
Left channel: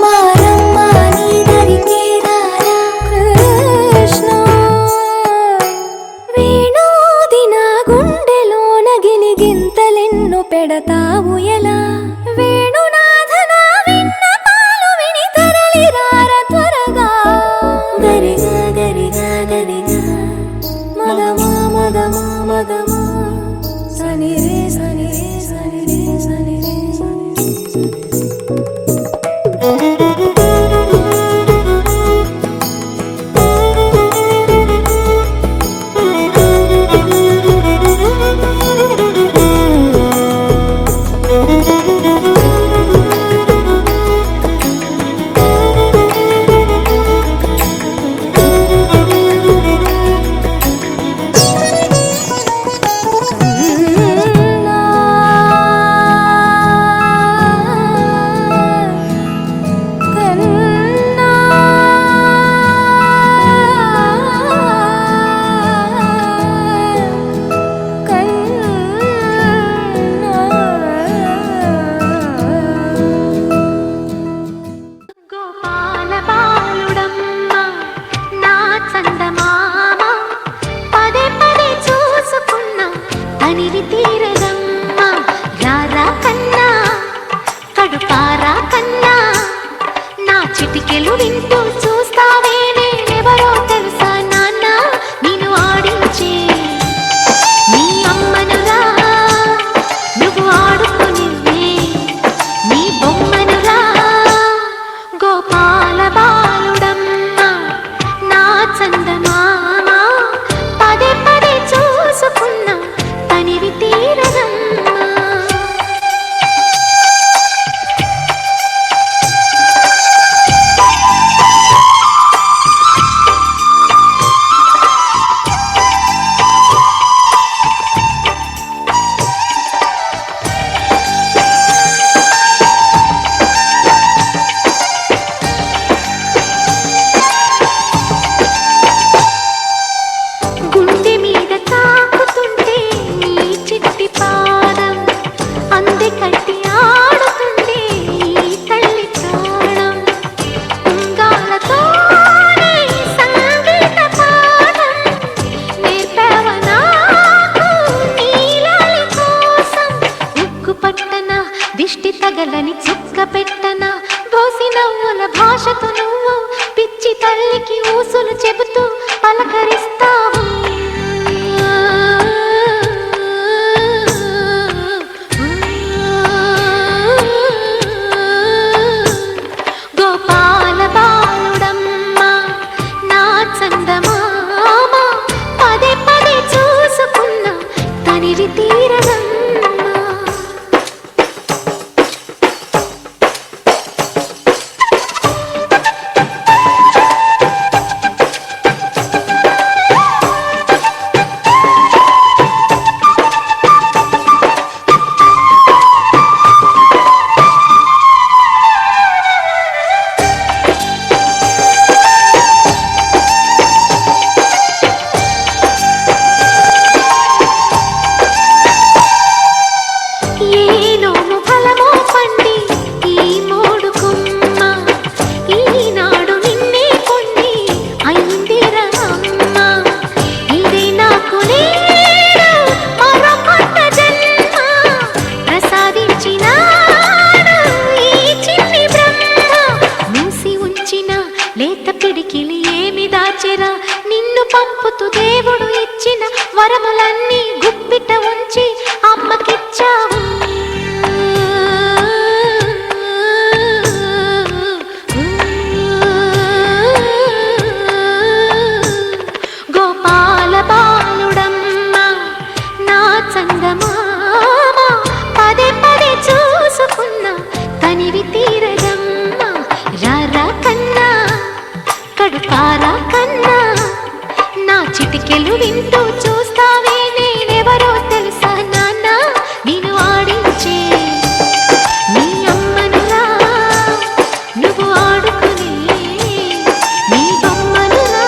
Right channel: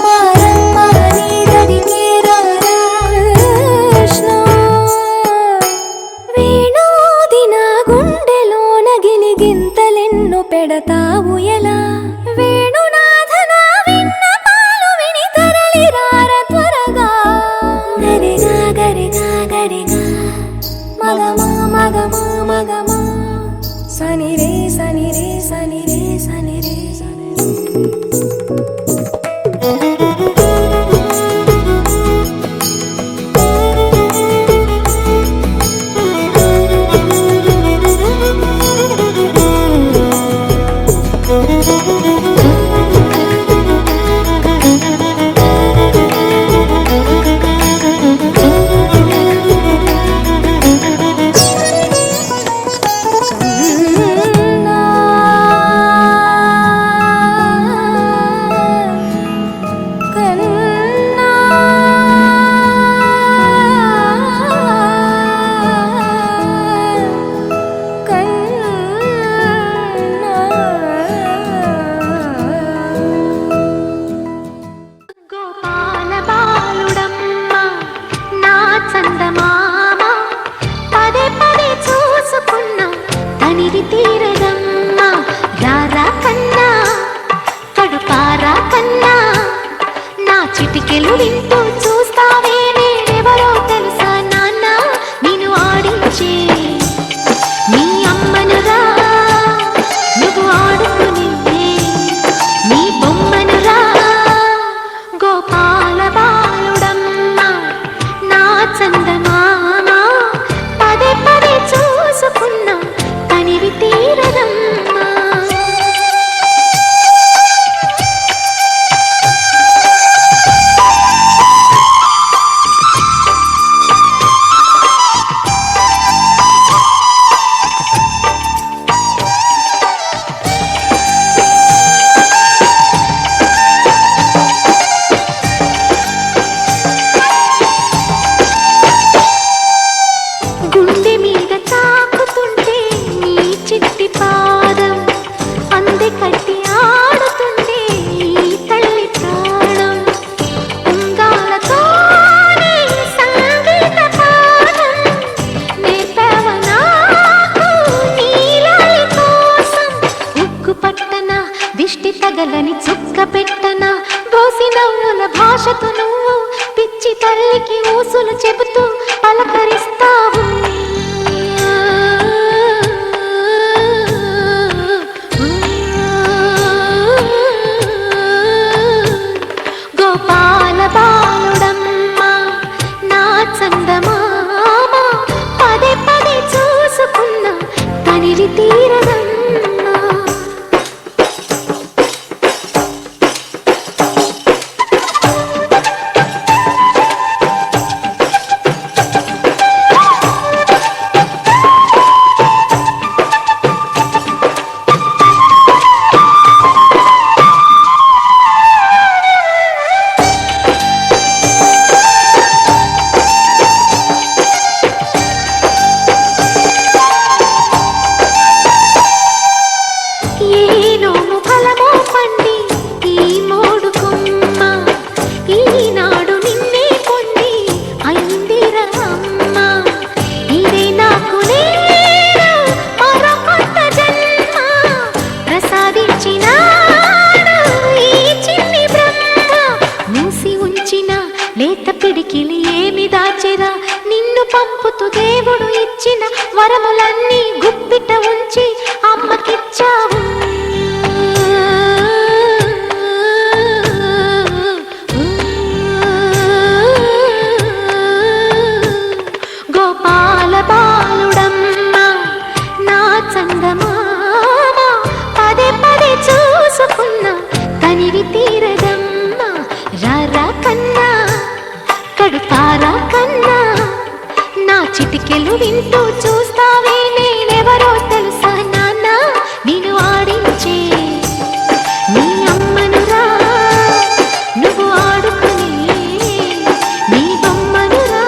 మారమ్మ నీ దరికి రారా కృష్ణ వేణోది నా గుండెలోన గిలిగింతలెన్నో పెడతావు ఎలా వేణునాథ నా విన్నపాలు విని తరలి రార త్వరగా గరిగా గరిగా గరిగా మగమా మగమా మగమా సని రే సని రే సని రే సని రే సని గోపాల బాలుడమ్మ నా చందమామ పదే పదే చూసుకున్నా తనివి తీరదమ్మ రారా కన్నా కడుపారా కన్నా నా చిటికెలు వింటూ చూస్తావే నేనెవరో తెలుసా నాన్న నేను ఆడించే నీ అమ్మనురా నువ్వు ఆడుకుని నీ బొమ్మనురా గోపాల బాలుడమ్మ నా చందమామ పదే పదే చూసుకున్నా తనివి తీరదమ్మ గుండె మీద తాకుతుంటే భాషతో నువ్వు పిచ్చి తల్లికి ఊసులు చెబుతూ పలకరిస్తావు. గోపాల బాలుడమ్మ నా చందమామ పదే పదే చూసుకున్నా తనివి తీరదమ్మా. ఏనోము ఫలమో పండి ఈ మోడు కొమ్మ ఈనాడు నిన్నే కొన్ని అయిందిరా అమ్మ. ఇదే నాకు నేను మరో కొత్త జన్మ ప్రసాదించినాడు ఈ చిన్ని బ్రహ్మ. మూసి ఉంచిన లేత పిడికిలి ఏమి దాచెరా నిన్ను పంపుతూ దేవుడు ఇచ్చిన వరములన్నీ గుప్పిట ఉంచి అమ్మకిచ్చావు. గోపాల బాలుడమ్మ నా చందమామ పదే పదే చూసుకున్నా తనివి తీరదమ్మా. రారా కన్నా కడుపారా కన్నా నా చిటికెలు వింటూ చూస్తావే నేనెవరో తెలుసా నాన్న నేను ఆడించే నీ అమ్మనురా నువ్వు ఆడుకునే నీ బొమ్మనురా.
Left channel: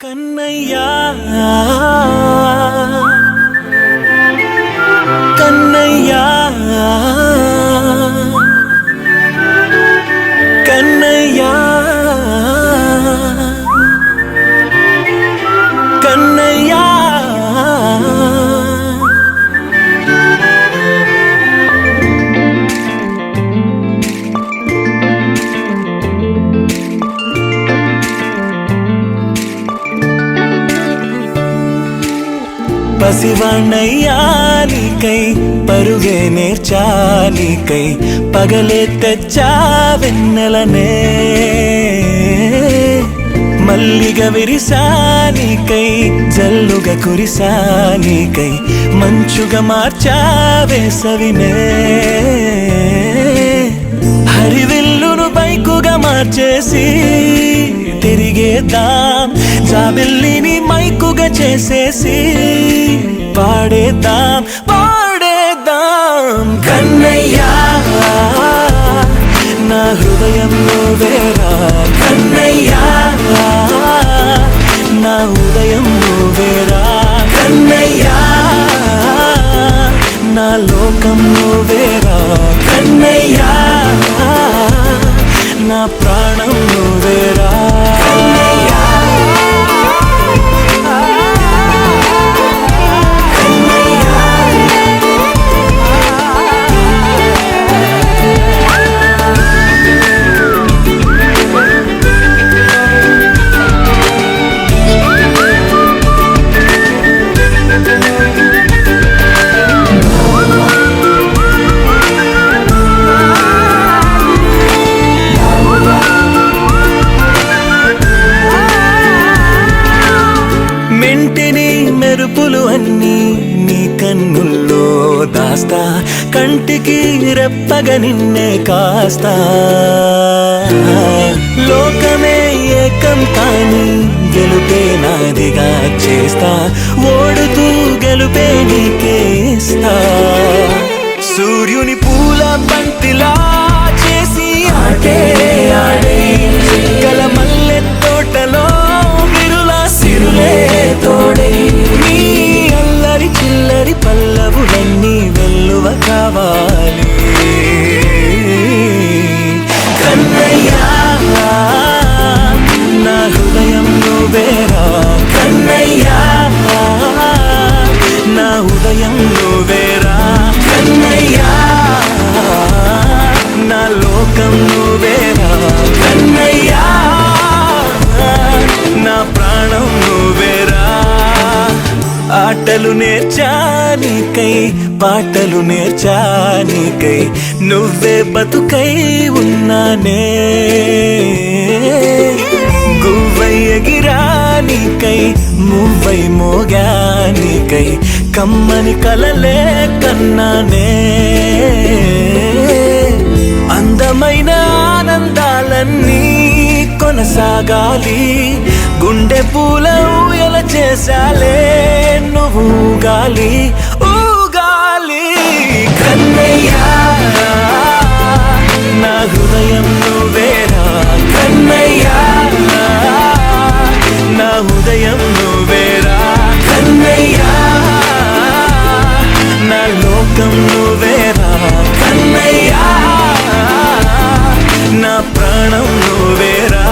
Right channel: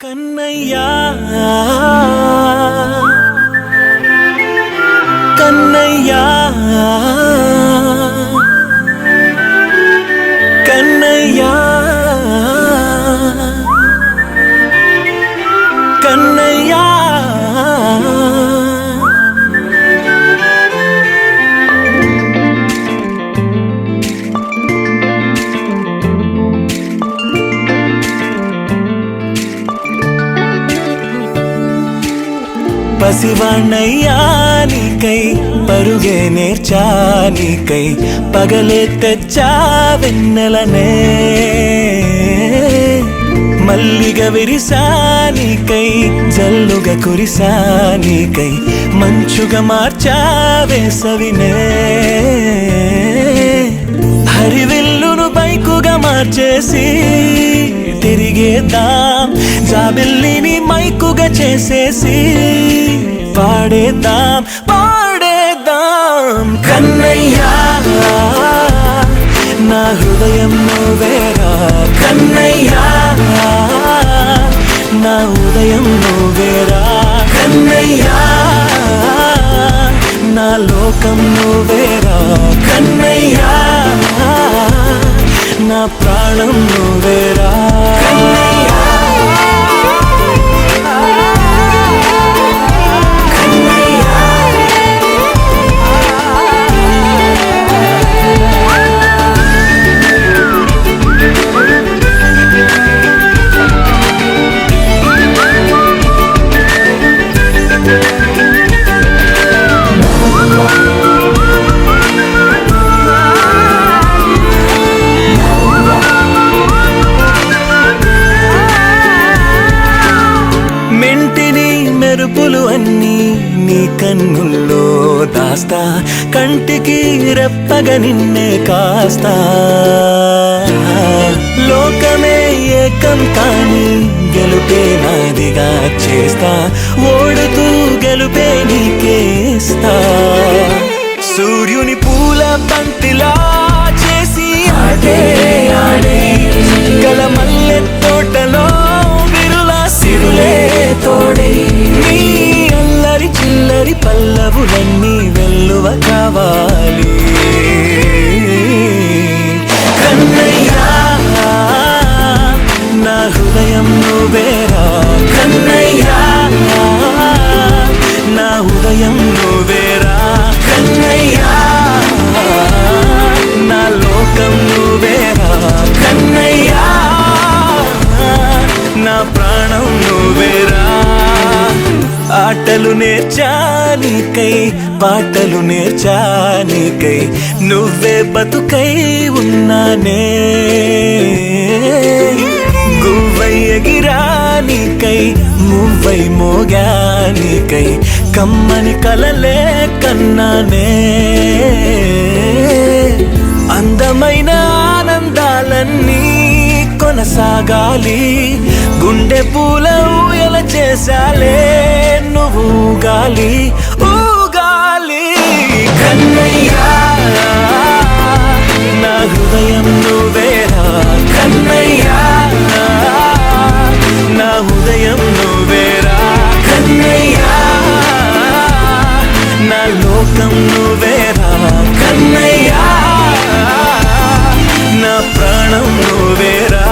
కన్నయ్యా కన్నయ్యా కన్నయ్యా కన్నయ్యా పసివాణ్ణయ్యా నీకై పరుగే నేర్చా నీకై పగలే తెచ్చా వెన్నెలనే మల్లిగ విరిసా నీకై జల్లుగా కురిసా నీకై మంచుగా మార్చా వేసవినే హరివిల్లును బైకుగా మార్చేసి తిరిగేద్దాం జాబిల్లిని మైకుగా చేసేసి పాడేద్దాం పాడేద్దాం. కన్నయ్యా నా హృదయం నువ్వేరా కన్నయ్యా నా ఉదయం నువ్వేరా కన్నయ్యా నా లోకం నువ్వేరా కన్నయ్యా నా ప్రాణం నువ్వేరా. మెంటిని మెరుపులు అన్నీ నీ కన్నుల్లో దాస్తా కంటికి రెప్పగా నిన్నే కాస్తా లోకమే ఏకం కాని గెలుపే నాదిగా చేస్తా ఓడుతూ గెలుపే నీకేస్తా. సూర్యుని పూల బంతిలా చేసి ఆడే ఆడే చుక్కల మల్లె తోటలో విరుల సిరులే తోడై నీ అల్లరి చిల్లరి పల్లవులన్నీ వెల్లువ కావాలి కన్నయ్య ప్రాణం నువ్వేరా ఆటలు నేర్చానికై పాటలు నేర్చానికై నువ్వే బతుకై ఉన్నానే గువ్వై ఎగిరానికై మువ్వై మోగానికై కమ్మని కలలే కన్నానే అందమైన ఆనందాలన్నీ కొనసాగాలి గుండె పూల ఊయల చేసాలే నువ్వు ఊగాలి ఊగాలి కన్నయ్యా నా హృదయం నువ్వేరా కన్నయ్యా నా హృదయం నువ్వేరా కన్నయ్యా నా లోకం నువ్వేరా కన్నయ్యా నా ప్రాణం నువ్వేరా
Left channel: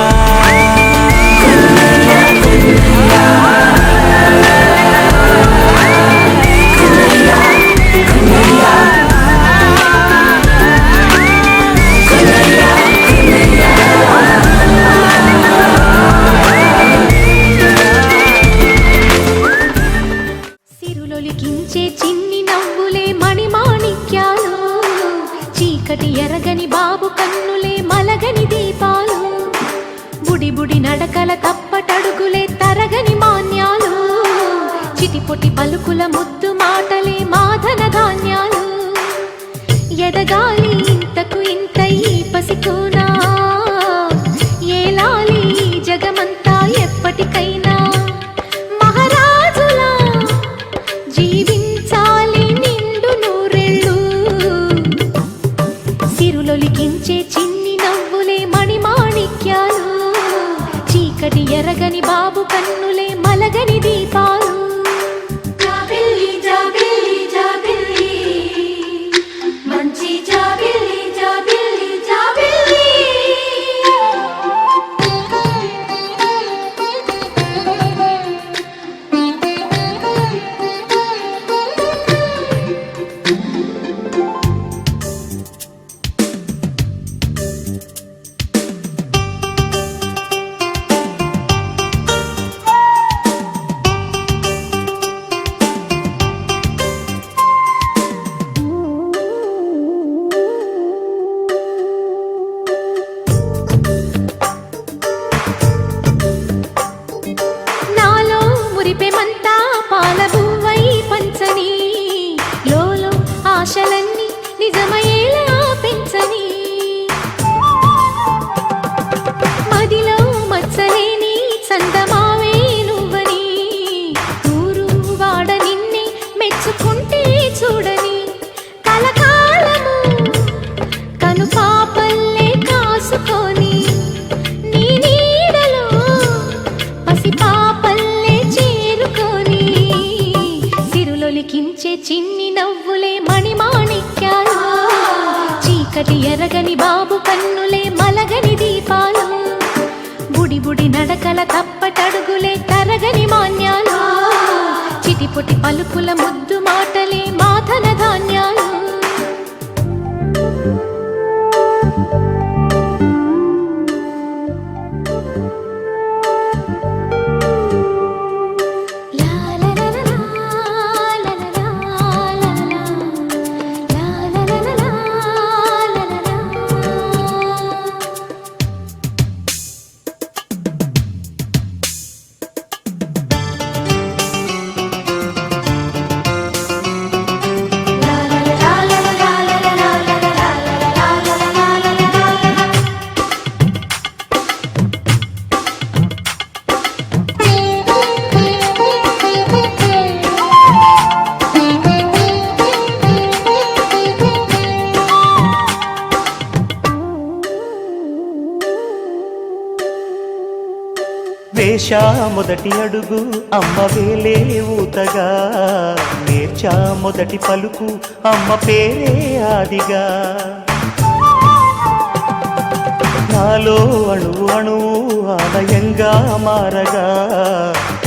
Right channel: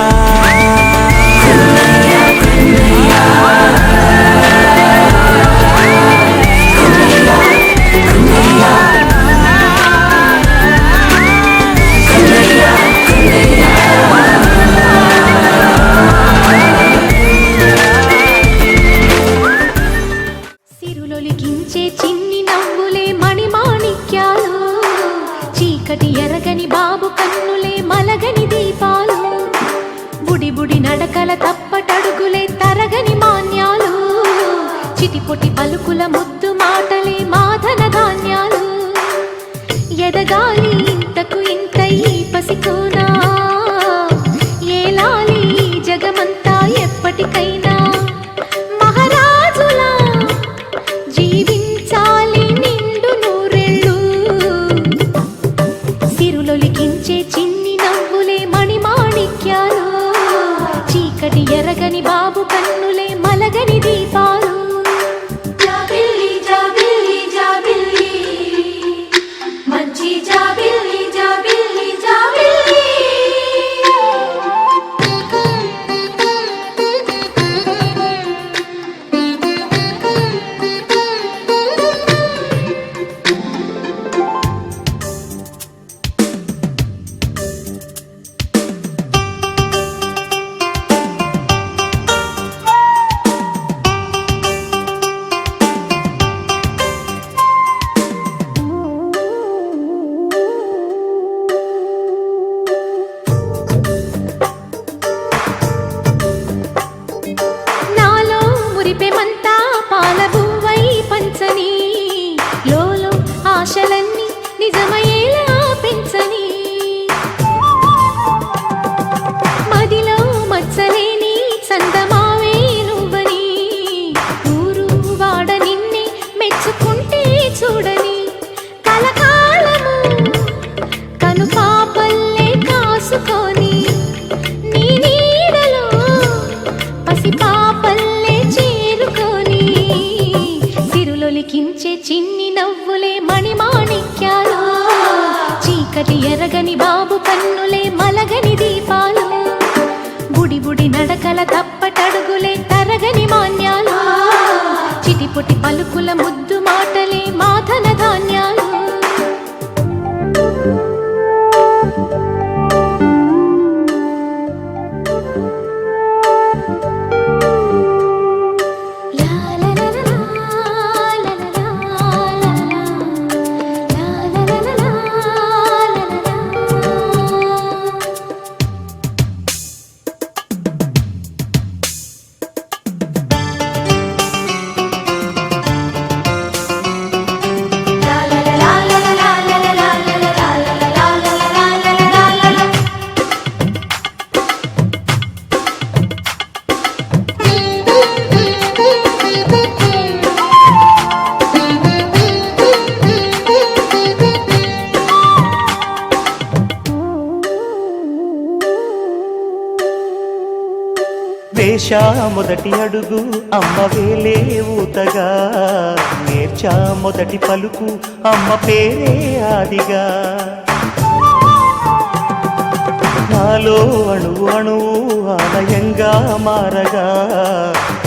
సిరులొలికించే చిన్ని నవ్వులే మణిమాణిక్యాలు చీకటి ఎరగని బాబు కన్నులే మలగని దీపాలు బుడి బుడి నడకల తప్పటడుగులే తరగని మాన్యాలు చిటిపొటి పలుకుల ముద్దు మాటలే మాధన ధాన్యాలు ఎదగాలి ఇంతకు ఇంత ఈ పసికోనా ఏలాలి జగమంతా ఎప్పటికైనా మహారాజులా జీవించాలి నిండు నూరెళ్ళు సిరులొలికించే చిన్ని నవ్వులే మణిమాణిక్యాలు చీకటి ఎరగని బాబు కన్నులే మలగని దీపాలు జాబిల్లి జాబిల్లి జాబిల్లి మంచి జాబిల్లి జాబిల్లి జాబిల్లి నాలో మురిపెమంతా పాలబువ్వై పంచని లోలో ఆశలన్నీ నిజమయ్యేలా పెంచని మదిలో మచ్చలేని చందమావే నువ్వని ఊరు వాడ నిన్నే మెచ్చుకుంటే చూడని కలకాలము కను పాపల్లే కాసుకొని నీ నీడలో పసిపాపల్లే చేరుకొని సిరులొలికించే చిన్ని నవ్వులే మణిమాణిక్యాలు చీకటి ఎరగని బాబు కన్నులే మలగని దీపాలు బుడి బుడి నడకల తప్పటడుగులే తరగని మాన్యాలు చిటిపొటి పలుకుల ముద్దు మాటలే మాధన ధాన్యాలు వేశా మొదటి అడుగు అమ్మ వేలే ఊతగా నేర్చా మొదటి పలుకు అమ్మ పేరే ఆదిగా నాలో అణువు అణువు ఆలయంగా మారగా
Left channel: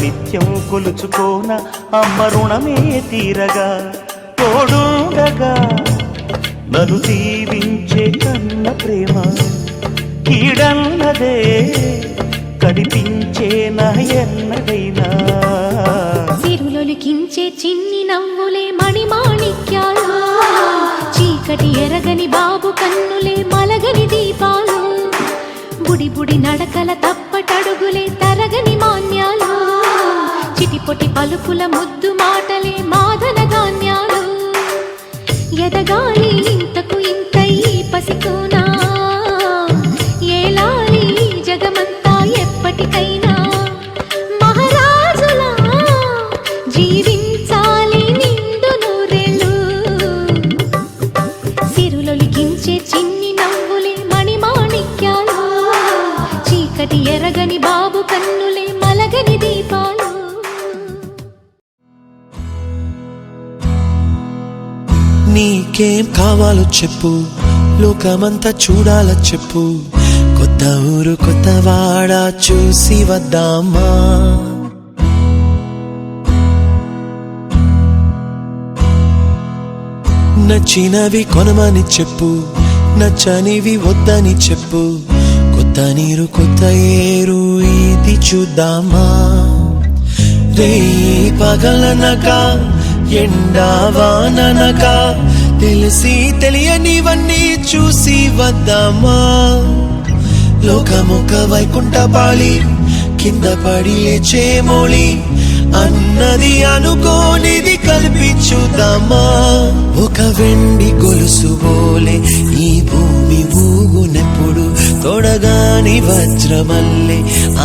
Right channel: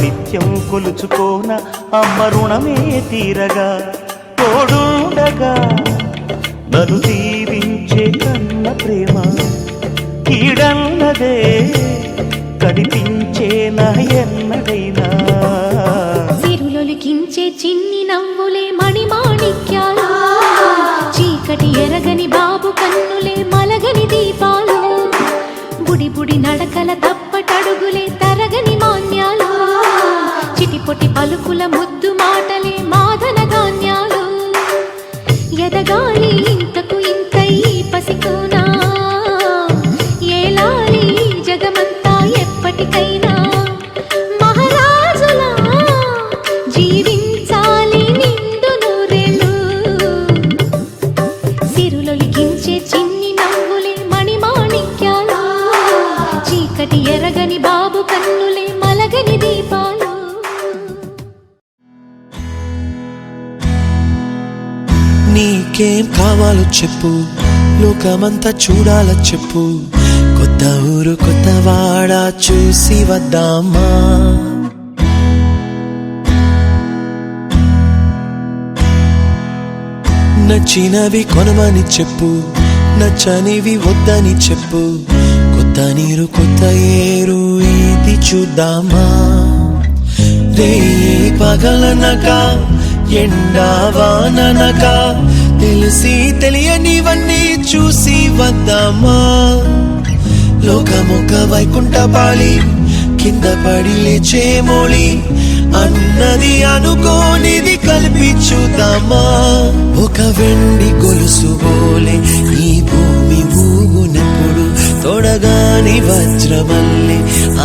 నిత్యం కొలుచుకోన అమ్మ రుణమే తీరగా తోడుండగా నన్ను దీవించే కన్న ప్రేమ కీడన్నదే కనిపించేనా ఎన్నడైనా సిరులొలికించే చిన్ని నవ్వులే మణిమాణిక్యాలు చీకటి ఎరగని బాబు కన్నులే మలగని దీపాలు బుడి బుడి నడకల తప్పటడుగులే తరగని మాన్యాలు చిటిపొటి పలుకుల ముద్దు మాటలే మాదన ధాన్యాలు ఎదగాలి ఇంతకు ఇంత ఈ పసికోనా ఏలాలి జగమంతా ఎప్పటికైనా మహారాజులా జీవించాలి నిండు నూరేళ్ళు సిరులొలికించే చిన్ని నవ్వులే మణిమాణిక్యాలు చీకటి ఎరగని బాబు కన్నులే మలగని దీపాలు నీకేం కావాలో చెప్పు లోకమంతా చూడాల చెప్పు కొత్త ఊరు కొత్త వాడ చూసి వద్దామా నచ్చినవి కొనమని చెప్పు నచ్చనివి వద్దని చెప్పు కొత్త నీరు కొత్త ఏరు ఇది చూద్దామా రే పగలనక ఎండావాననక తెలిసి తెలియనివన్నీ చూసి వద్దామా లోకమొక వైకుంఠపాళి కింద పడి లేచే మోళి అన్నది అనుకోనిది కల్పించుదామా ఒక వెండి గొలుసు బోలే ఈ భూమి ఊగునెప్పుడు తొడగాని వజ్రమల్లే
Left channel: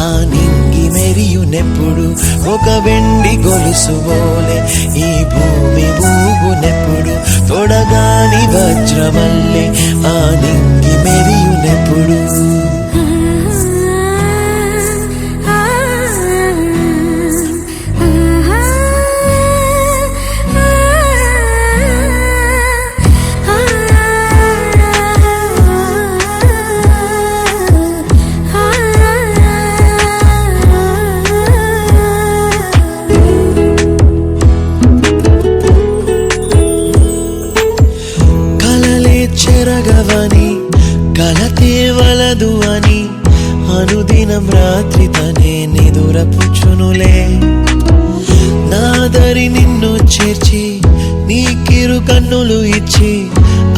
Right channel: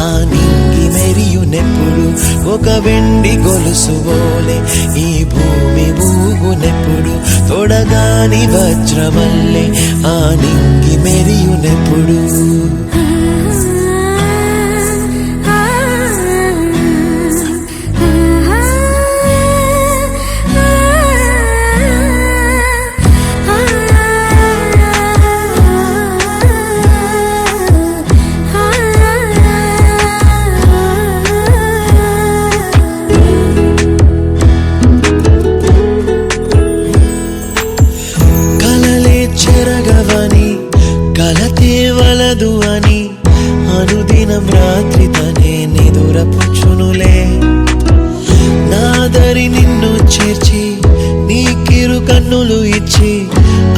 ఆ నింగి మెరియునెప్పుడు ఒక వెండి గొలుసు బోలే ఈ భూమి ఊగునెప్పుడు తొడగాని వజ్రమల్లే ఆ నింగి మెరియునెప్పుడు కలతేవలదు అని అనుదినం రాత్రి తనే నిదురపుచ్చునులే నాదరి నిన్ను చేర్చి నీకిరు కన్నులు ఇచ్చి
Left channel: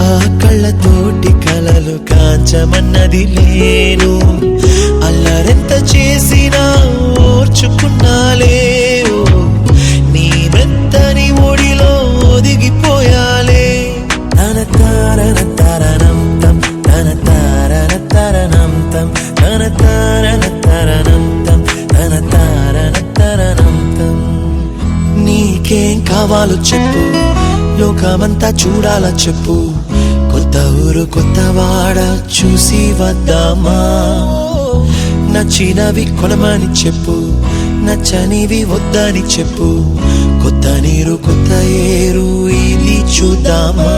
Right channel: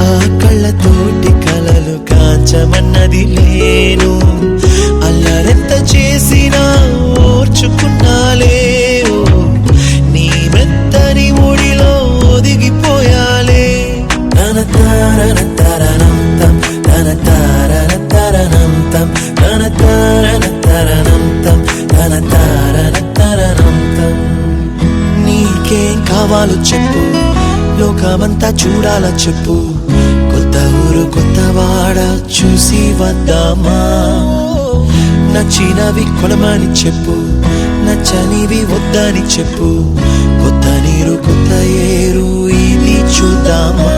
ఆ కళ్ళతోటి కలలు కాంచమన్నది లేను అల్లరెంత చేసినా ఓర్చుకున్నాలే నీ మెత్తని ఒడిలో ఒదిగిపోయాలే తన తారన తరణం తం తన తారన తరణం తం తన తారన తరణం తం తన తారన తరణం తం నీకేం కావాలో చెప్పు లోకమంతా చూడాల చెప్పు కొత్త ఊరు కొత్త వాడ చూసి వద్దామా నచ్చినవి కొనమని చెప్పు నచ్చనివి వద్దని చెప్పు కొత్త నీరు కొత్త ఏరు ఇది చూద్దామా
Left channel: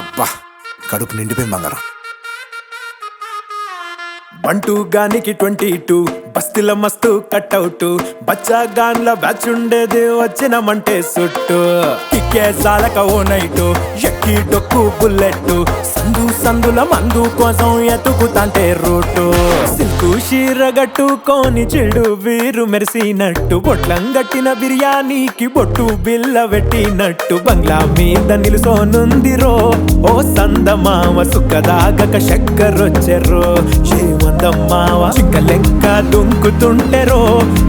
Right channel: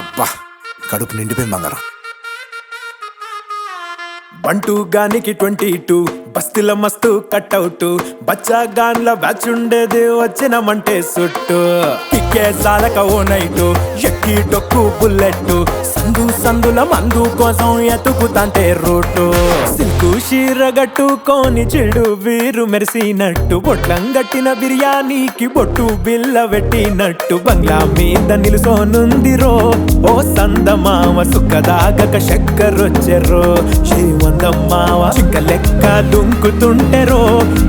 అబ్బా కడుపు నిండిపోయి బంగారం బంటూ గానికి 22 బస్తీల మస్తు కట్అవుట్ బచ్చా గాన్ల బ్యాచ్ ఉండేది వచ్చినమంటే సుట్టు కిక్కే సాలక ఓ నైటు ఎక్కి డొక్కు బుల్లెట్ సందు సందుల మందు కోసం ఎతుకుతాంటే రూటు సిల్కు షీరగట్టుకోని చెడు వీరు మెరిసినట్టు బొట్లం గట్టిన బిర్యానీకి బొట్టు బిల్ల పెట్టినట్టు బంగ్లా మీద నిలుసోనుందిరో ఓ సందమావ సుక్కదాగక చక్కరొచ్చెరో శ్రీమందమ్మావ చిక్క లెక్క దుంకుతుంటెరో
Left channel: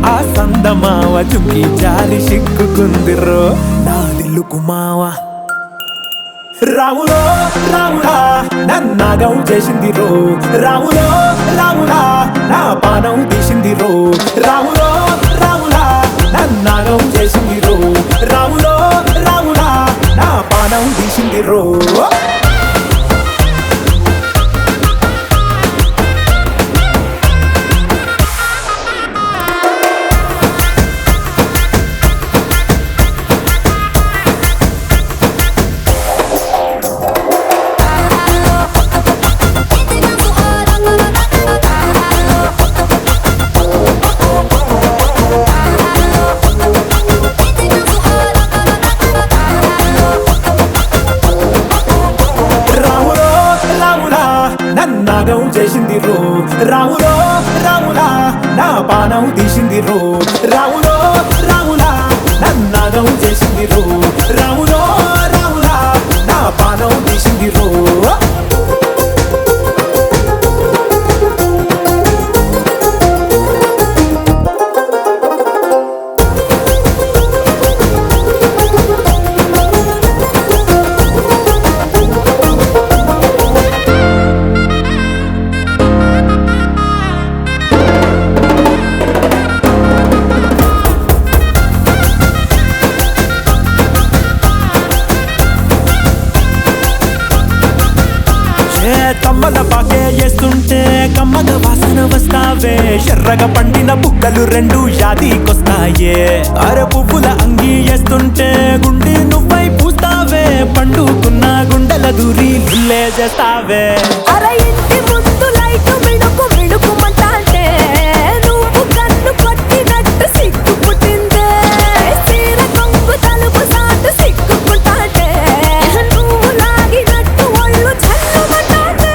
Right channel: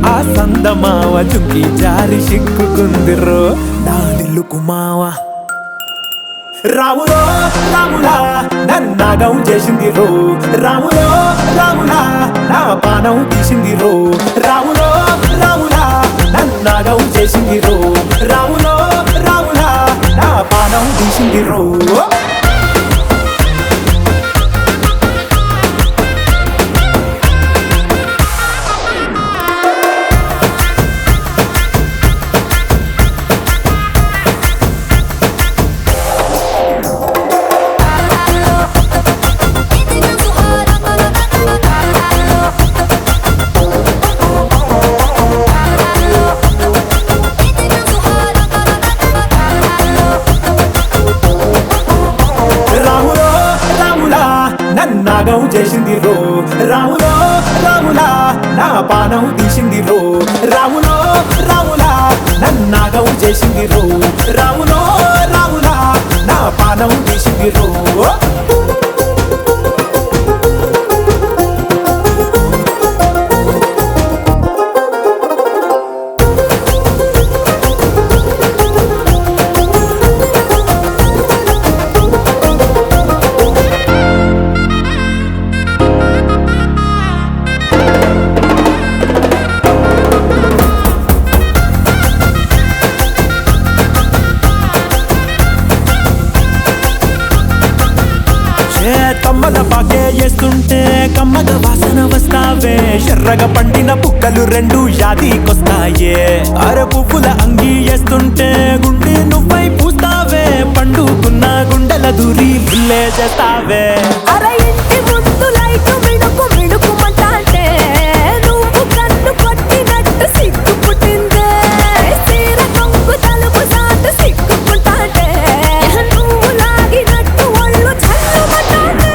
ఆ సందమావ జుంకి జారి సిక్కుకుందిరో నా దిల్లుకు మావ రాములో రాములా నన్నాగం చేసింది రో రాములో రాములా నా పానం తీసింది రో రాములో రాములా నన్నాగం చేసింది రో రాములో రాములా నా పానం తీసింది రో రాములో రాములా నా పానం తీసింది రో రాములో రాములా నన్నాగం చేసింది రో రాములో రాములా నా పానం తీసింది రో కమ్మల పాకే వేస్తుంటే కమ్మగ వాసన వస్తావే ఎర్రగా పండిన బుక్కలు రెండు యాదికొస్తాయే అర పువ్వుల అంగి వేస్తుంటే గుండి నువ్వై పూస్తావే పండుకున్న గుండెల దూరి లుల్లే చేస్తావే అర ఇంటి ముందు లైట్ మిడుకు మిడుకుమంటే నువ్వు కన్ను కొట్టినట్టు సిగ్గు పుట్టిందే సీర కొంగు తలుపు సాటు సిగ్గుకుంటాంటే నువ్వు లాగినట్టు ఒళ్ళు జల్లుమంటాంటే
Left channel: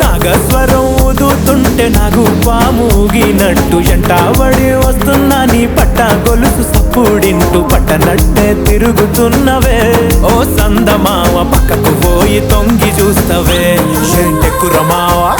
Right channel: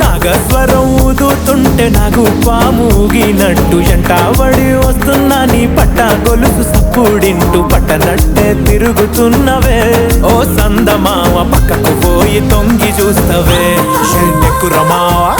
నాగస్వరం ఊదుతుంటే నాకు పాముగినట్టు ఎంటావడి వస్తున్నా నీ పట్ట గొలుసు సప్పుడింటూ పట్టనట్టే తిరుగుతున్నవే ఓ సందమావ పక్కకు పోయి తొంగి చూస్తవే ఏంటెక్కురమావా